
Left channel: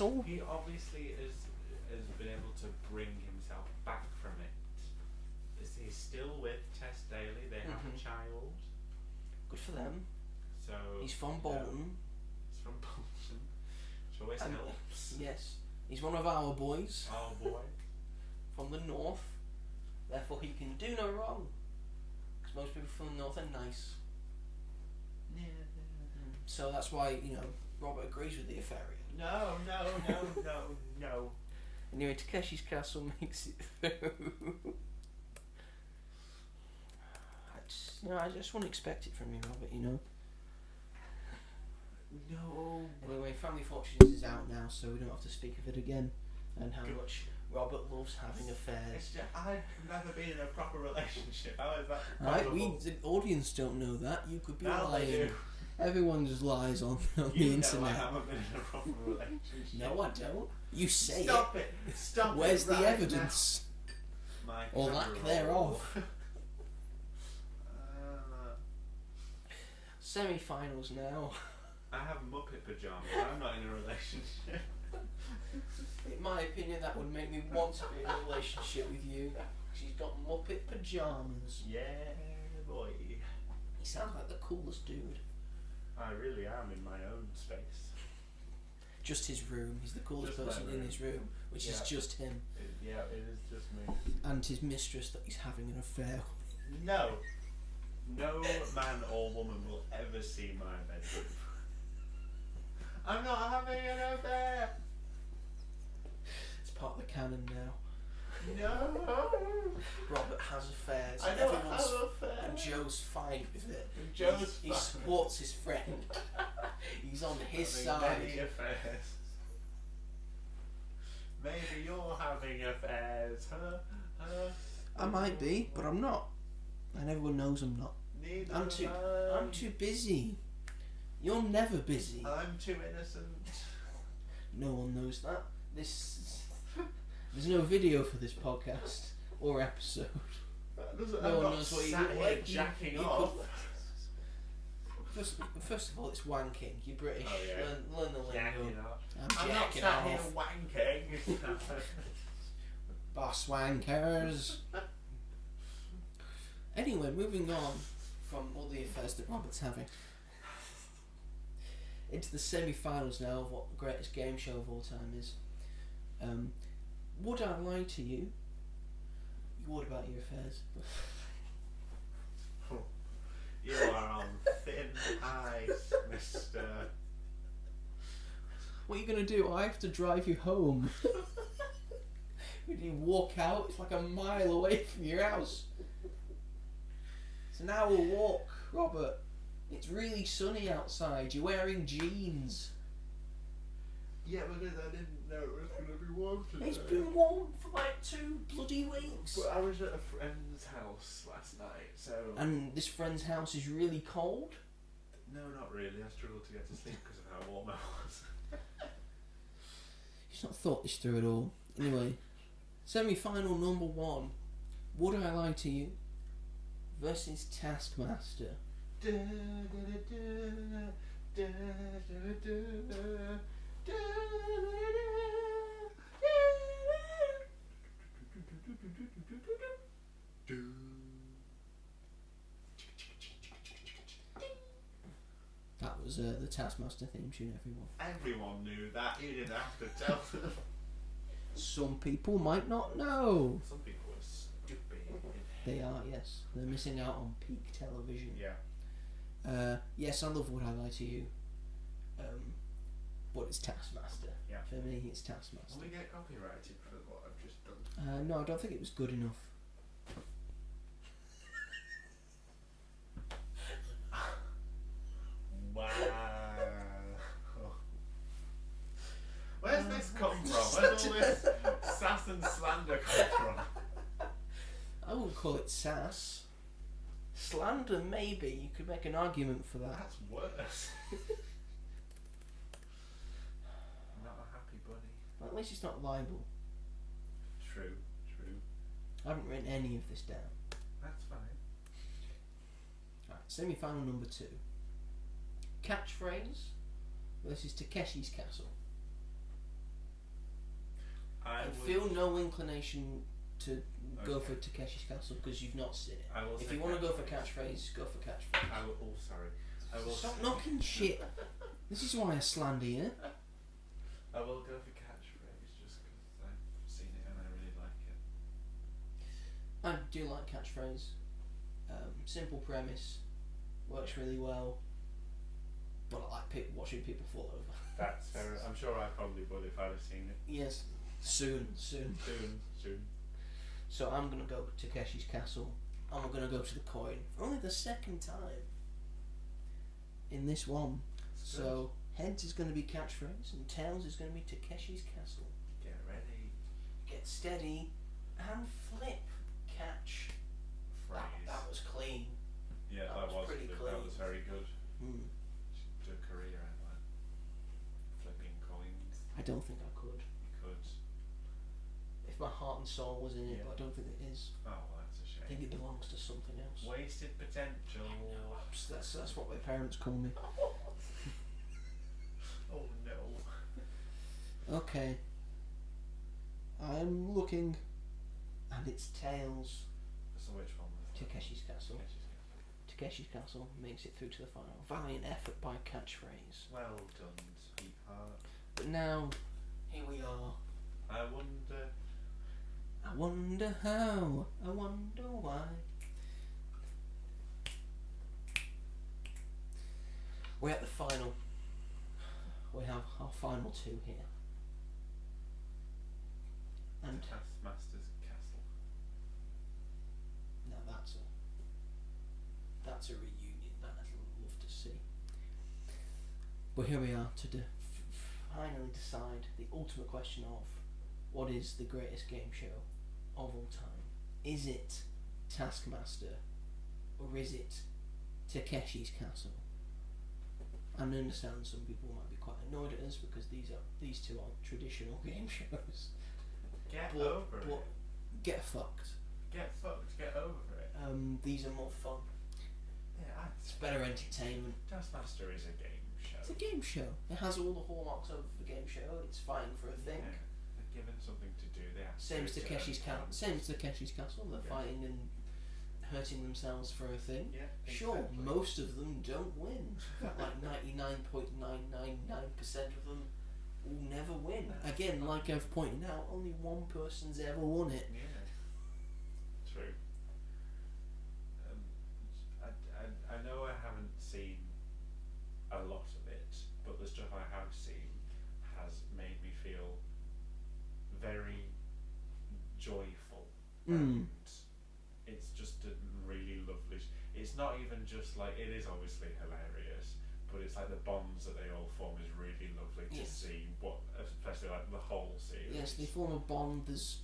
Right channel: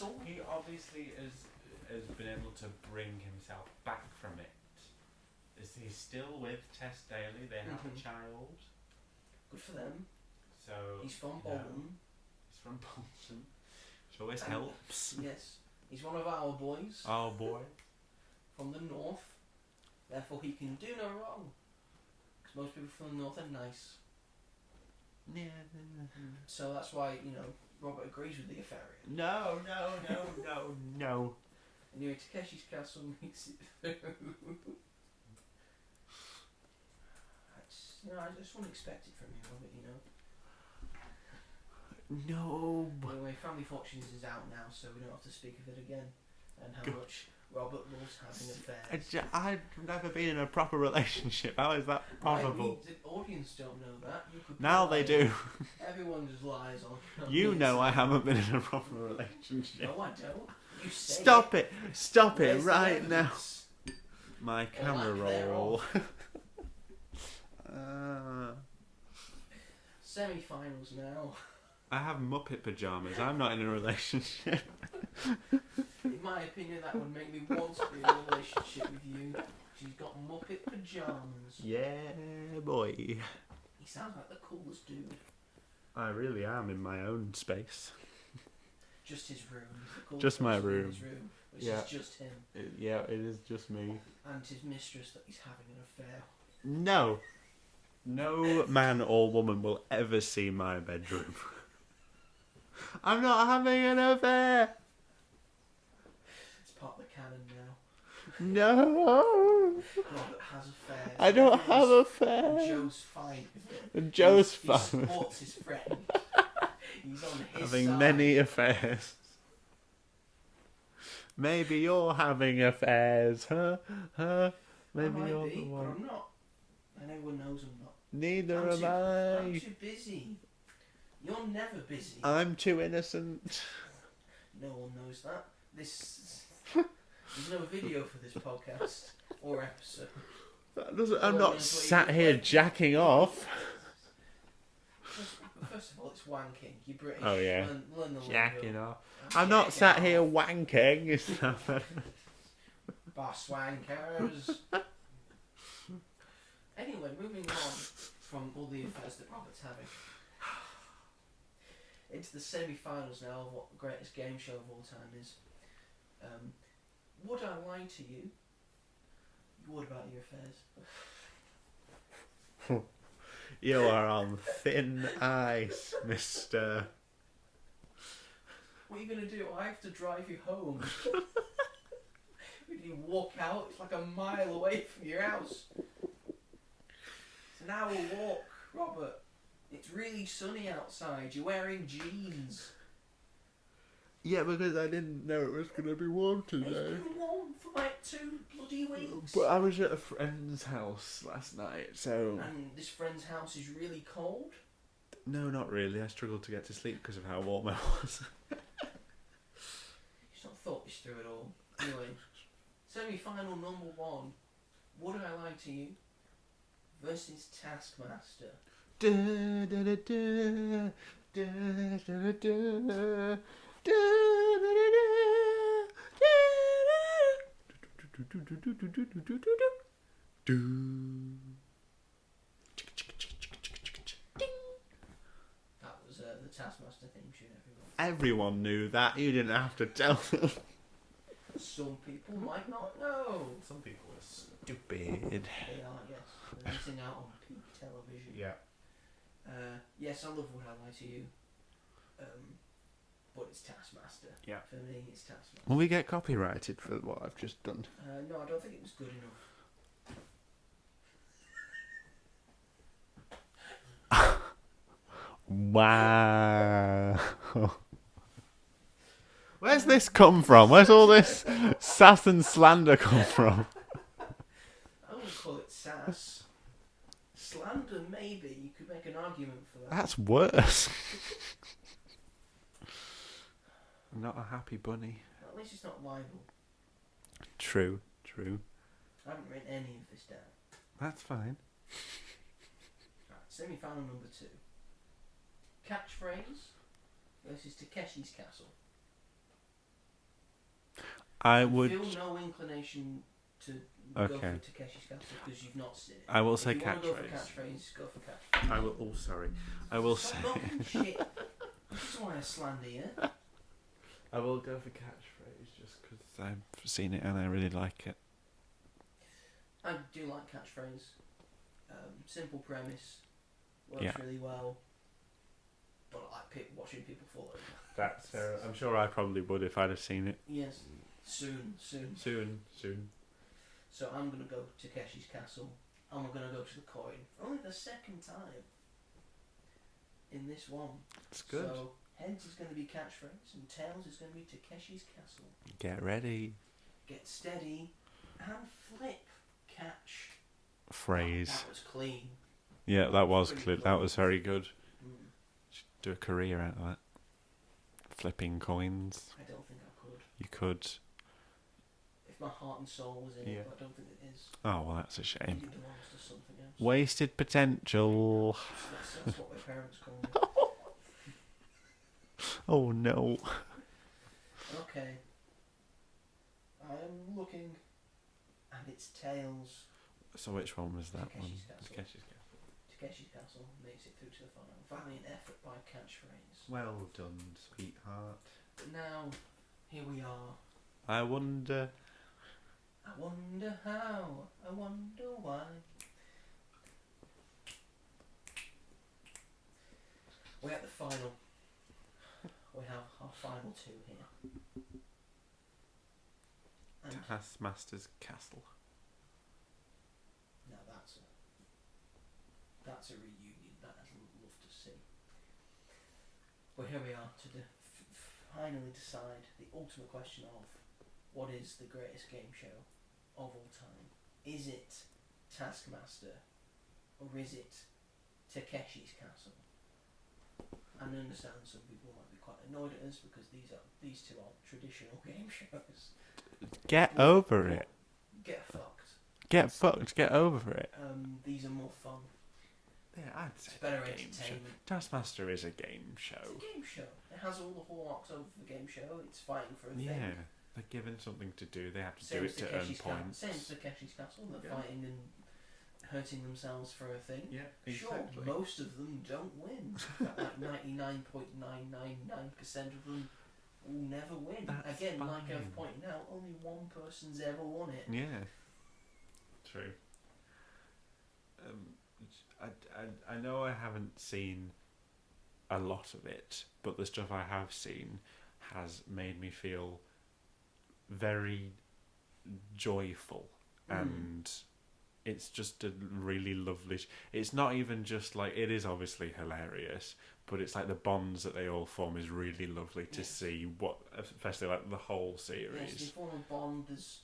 all. He obviously has been able to bring himself back from it. He's still with Tess Daly. They have a child. Good for them. So He's from Bolton. He's from Bolton. Which always And- helps. Yes, he's one of our boys Oh boy. from the north. Therefore, he can do no wrong. Because most people from the north are nice. So that's why Robert agrees with the affair. No. Anyway, Takeshi's Castle makes it through. I just wouldn't expect it from you, Robert. No. Anyway, Family Fortunes is out now, so we don't have to speak of it again. And how much Robert loves having affairs. I've never been in a proper relationship. How is that Right, possible? the audience don't know that. You could be Now they do. Everyone just lies on You the know I internet. haven't been in a proper relationship. No, I don't. You say Stop it! Stop Where's it the right now. evidence? My Or camera lack roll. thereof. Uh, Semi-finals now. I have Muppet pajamas. I'm not in a relationship. In my opinion, that would make me want to be in a relationship with you. She's got Muppet pajamas. Yeah, boy. He sounds like the coolest dude. I really am in my own space. Just his room. He's the coolest Just my person in room. his room, which Yeah. is just him Yeah, it is just me. and his mistress that he's having an affair with. No. No man or woman will ever see my bedroom. I'm not having an affair. It's part of the canon now. No. Robert has affairs. I don't have Everyone's- affairs. Joe's fine with it. And Joe's He fine. supports his friend. He's on his Having side. many affairs. Maybe you're having affairs, huh? I Maybe might you're be, the but one. I'm not. And everyone knows I'm not. Neither I'm am I'm I. too busy. You're never busy. I'm too innocent. No one knows that. There's no video for this podcast or episode. That doesn't, No I'm one not knows what you sat look here like. jacking off. First of all, it's wanking. You're British. Oh, yeah. Learn the lingo. Jacking off. I'm I'm not jacking sat here off. wanking. Boss wankers. Anyway, moving on from all the affairs that Robert's having into the semi-finals now of what the greatest game show of all time is. Would I lie to you? What about your affairs? You are on thin ice, mister. What are you gonna do? I have to drive you home. When you walk out, it's like a mile away from your house. It's an hour walk, Robert. It's really sunny outside. You're wearing jeans. Yeah, because I didn't know it was going to be warm today. It's been warm for like 2 bloody weeks. But I was at a friend's house last night, so... And this friend's house is really cold. No, not really. I struggled to get to sleep because of how warm I was. He's not thought this through at all. Anyway, semi-final number 1. Would I lie to you? Versus Taskmaster. Da, da, da, da, da, da, da, da, da, That was the Taskmaster theme tune, everyone. Everyone knew that. You didn't have to tell them. Some people might not know. Some people are stupid. They are, yes. They're missing out on peak television. Yeah. Yes, I love Would I Lie to You. But it's Taskmaster. Yeah. For me, it's Taskmaster. Will we get copyrighted for what I've just done? No, I don't think it was good enough. Wow. Where's this come from? Where's all this sass and slander come from? I wouldn't call it sass. Slander, maybe. You could make an argument for that. That's worse. I'm not a happy bunny. At least it's not libel. True, true. I haven't written any of this down. That's fine. Right, semi-final number 2. Catchphrase versus Takeshi's Castle. I would. feel no inclination to go Okay. for Takeshi's Castle because you've not seen it. I will If say you want to go for catchphrase. catchphrase, go for catchphrase. I will. Oh, sorry. I will Stop say. knocking shit. This is why I slander you. I will go for catchphrase just because. I've seen it and I really like it. I do like catchphrase. Simple premise, works Yeah. really well. But I like watching people fall over. That's fair. I'm sure I probably would if I'd have seen it. Yes, soon. Soon. So I'm gonna go Takeshi's Castle, and we're gonna go to the coin for only the second time in this one. It's good. So heads is gonna be catchphrase, and tails is gonna be Takeshi's Castle. Get ready. Get steady, and flip. Catch. Phrase. That was clean. Yeah, that was pretty clear. clean. That was very good. Hmm. Should do a career out of that. Flipping coins. I don't think I could. You could. If my heart and soul was in it, Yeah. but I don't think it is. Oh well, that's a I shame. think it belongs to something else. Wasted potential. So that's what my parents call me. Oh no. Okay. I'm looking, and it's tails. So which one was that Takeshi's one? Castle. Takeshi's Castle. Takeshi's Castle makes it through to the final. Valiant effort by catchphrase. Well done, sweetheart. But now, here we are. I wonder. I wonder how. I wonder why. We're at the final. We have our final two here. And Taskmaster's Castle. now that's a reunion that I'd love to see. But here we are to finally decide the ultimate question of what is the greatest game show of all time. Is it Taskmaster or is it Takeshi's Castle? And I understand some people might be quite annoyed at us because these two are traditional game shows. Get But- over but it. Get fucked. Get fucked. Get over it. These are more fun. Yeah, I'd It's better entertainment. Taskmaster is a game show. It's a game show. It has all the hallmarks of a game show. It's fighting for a thing. Yeah, they're given something to do. They have to Same do as it to earn Takeshi's Castle. points. Same as Takeshi's Castle. They're Yeah. fighting and hurting themselves for a thing. Yeah, Sure, exactly. most of them don't win. Like 99.999% of them will never win. That's Again, like fine. I've pointed out, only one person's ever won it. Yeah. True. I know I haven't seen a lot of it, but the stuff I have seen has made me feel very joyful, and it's just a really lovely. It's not even just like, it is obviously hilarious, but it's like the bonds that they all form is really lovely to Yes. see. What, especially like the whole series. Yes, they form a bond. There's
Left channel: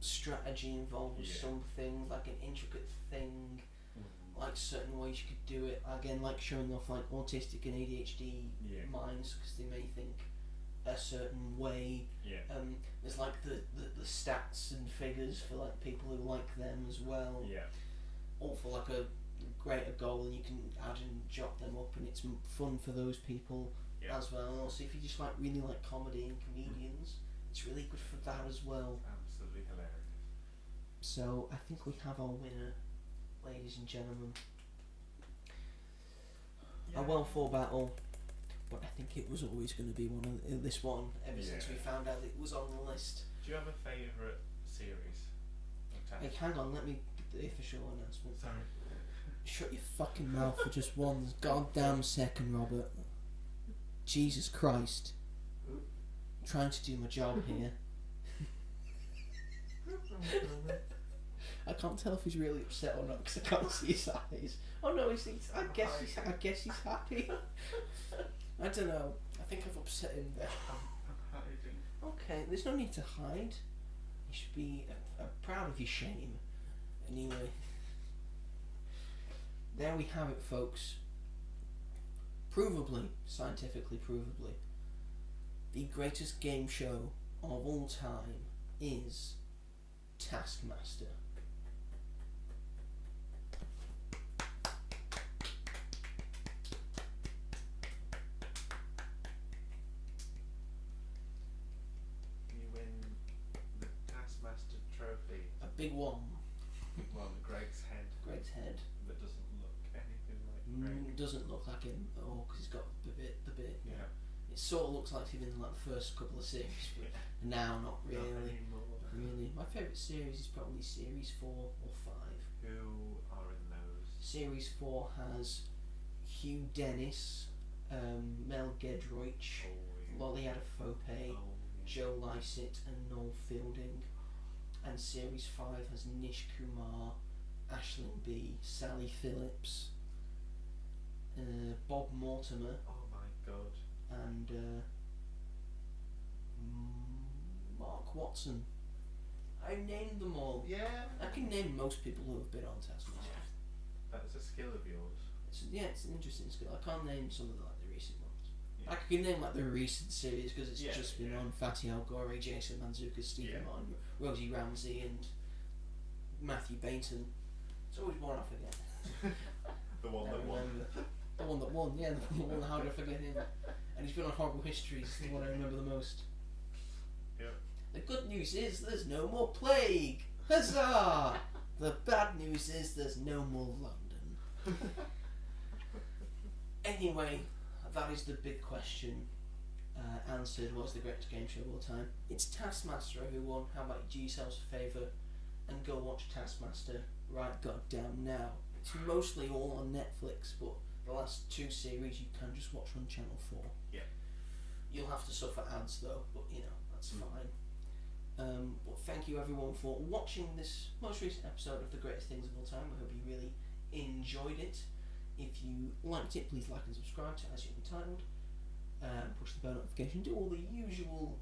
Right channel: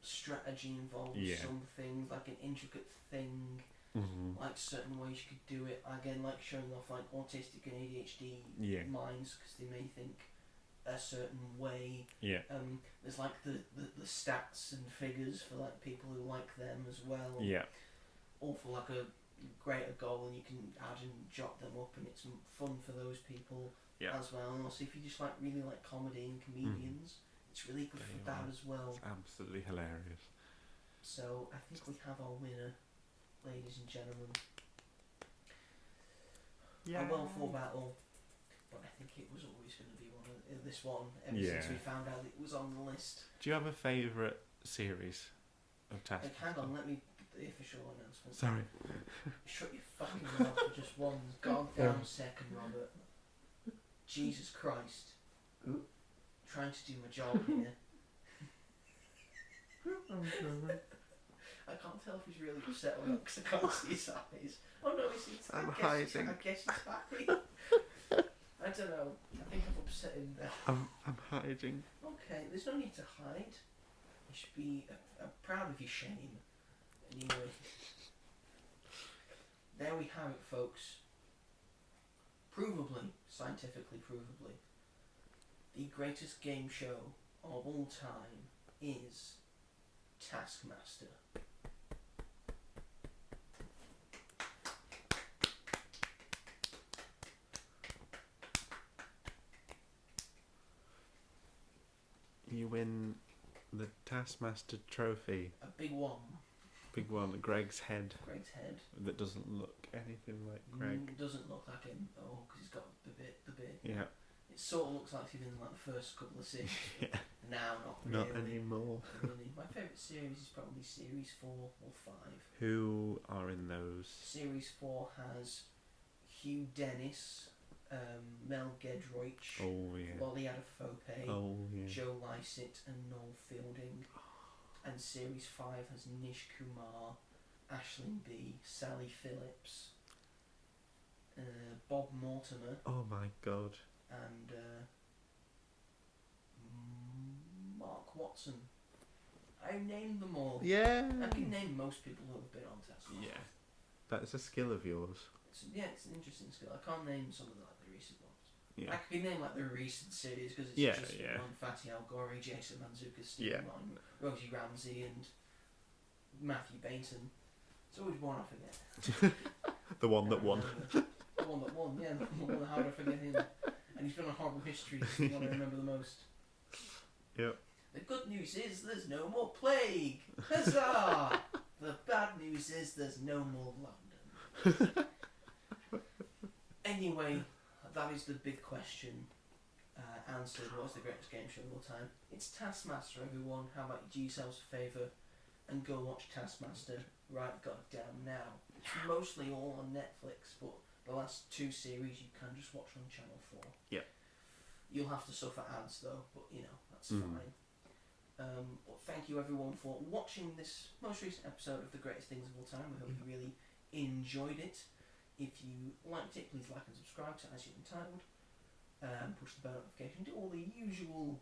strategy involved. Yeah. Something like an intricate thing. Mm-hmm. Like certain ways you could do it. Again, like showing off like autistic and ADHD Yeah. minds because they may think a certain way. Yeah. There's like the stats and figures for like people who like them as well. Yeah. All for like a greater goal, and you can add and jot them up, and it's fun for those people Yeah. as well. And also, if you just like really like comedy and comedians, it's really good for that as well. It's absolutely hilarious. So I think we have our winner, ladies and gentlemen. A well fought battle, but I think it was always going to be one of this one ever since we Yeah. found out it was on the list. Do you have a favourite series of Task? Like, hang on, let me do the official announcement. Sorry. Shut your fucking mouth for just one goddamn second, Robert. Jesus Christ. I'm trying to do my job here. I can't tell if he's really upset or not because I can't see his eyes. Oh no, he's I I'm guess hiding. he's happy. I don't know. I think I've upset him there. I'm hiding. Okay, there's no need to hide. You should be proud of your shame. Anyway. There we have it, folks. Provably, scientifically provably, the greatest game show of all time is Taskmaster. Taskmaster trophy. A big one. Big one. Greg's head. Greg's head. That doesn't look anything like Greg. Doesn't look like him at all because he's got the beard. Yeah. It sort of looks like him in like the first couple of series. But Yeah. now not really. Not anymore. Really. My favourite series is probably series 4 or 5. Who are in those? Series 4 has Hugh Dennis, Mel Gedroych, Oh yeah. Lolly Adefope, Oh yeah. Joe Lycett and Noel Fielding. And Series 5 has Nish Kumar, Aisling B, Sally Phillips, Bob Mortimer, Oh my god. and Mark Watson. I named them all. Yeah. I can name most people who have been on Taskmaster. Yeah. That's a skill of yours. It's an interesting skill. I can't name some of the recent ones. Yeah. I can name the recent series because it's Yeah, just been yeah. on Fatty Al Gore, Jason Mantzoukas, Stephen Yeah. Martin, Rosie Ramsey, and Matthew Bainton. It's always one I forget. The one that Can't won. remember. The one that won, yeah. The one, how did I forget him? And he's been on Horrible Histories. It's the one I remember the most. Yep. The good news is there's no more plague. Huzzah! The bad news is there's no more London. Anyway, that is the big question answered. What's the greatest game show of all time? It's Taskmaster, everyone. How about you do yourselves a favour and go watch Taskmaster right goddamn now. It's mostly all on Netflix, but the last 2 series you can just watch on Channel 4. Yeah. You'll have to suffer ads though, but you know, that's Mm. fine. But thank you everyone for watching this most recent episode of The Greatest Things of All Time. I hope you really enjoyed it. If you liked it, please like and subscribe to As You're Entitled. Push the bell notification. Do all the usual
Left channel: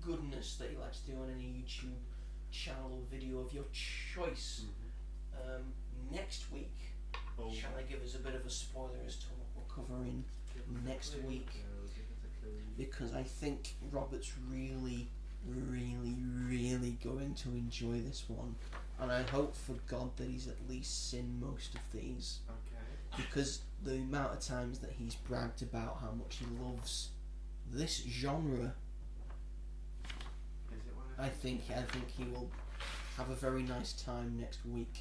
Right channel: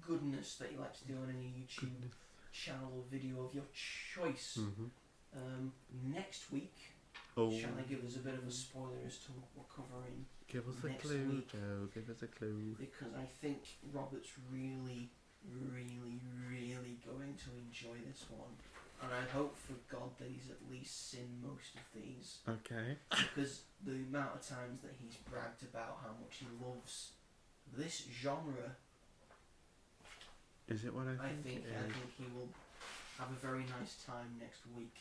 goodness that you like to do on any YouTube channel or video of your choice. Mm-hmm. Next week, Oh. shall I give us a bit of a spoiler as to what we're covering? Give us next a clue, week? Joe. Give us a clue. Because I think Robert's really going to enjoy this one, and I hope for God that he's at least seen most of these, Okay. because the amount of times that he's bragged about how much he loves this genre, Is it what I think it is? he will have a very nice time next week,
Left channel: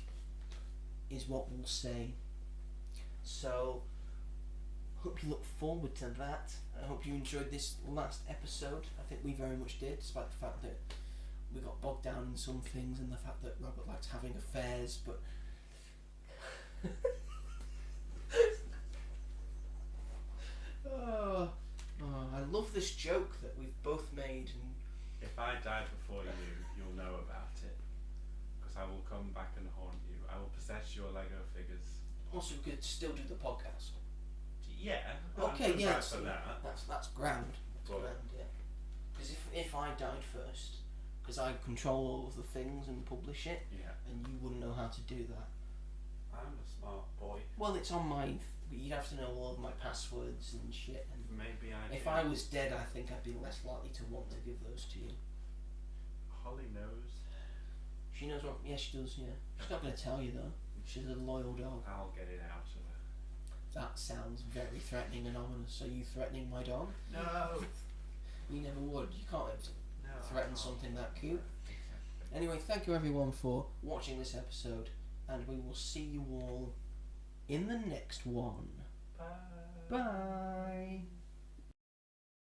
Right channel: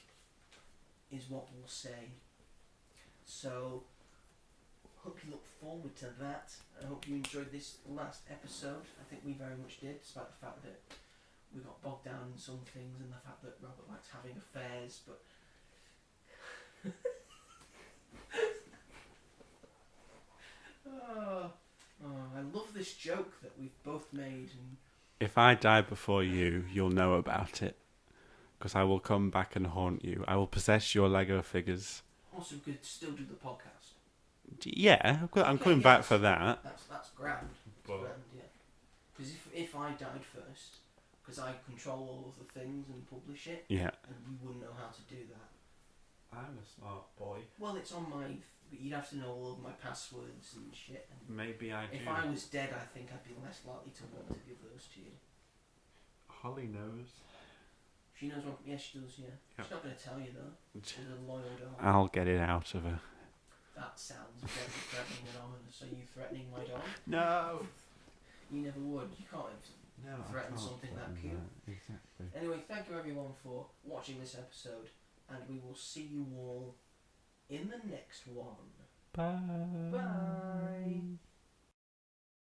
is what we'll say. So hope you look forward to that. I hope you enjoyed this last episode. I think we very much did, despite the fact that we got bogged down in some things and the fact that Robert likes having affairs, but I love this joke that we've both made, and If I die before you, you'll know about it. Because I will come back and haunt you. I will possess your Lego figures. also we could still do the podcast. Yeah, I'm Okay, coming yeah, back for that. That's grand. But Grand, yeah. Because if I died first, because I control all of the things and publish it, Yeah. and you wouldn't know how to do that. I'm a smart boy. Well, it's on my. You'd have to know all of my passwords and shit. And Maybe I if do. I was dead, I think I'd be less likely to want to give those to you. Holly knows. She knows what. Yes, she does. Yeah. She's not going to tell you though. She's a loyal dog. I'll get it out of her. That sounds very threatening and ominous. Are you threatening my dog? No. You never would. You can't No. threaten something that cute. Exactly. Anyway, thank you everyone for watching this episode, and we will see you all in the next one. Bye. Bye.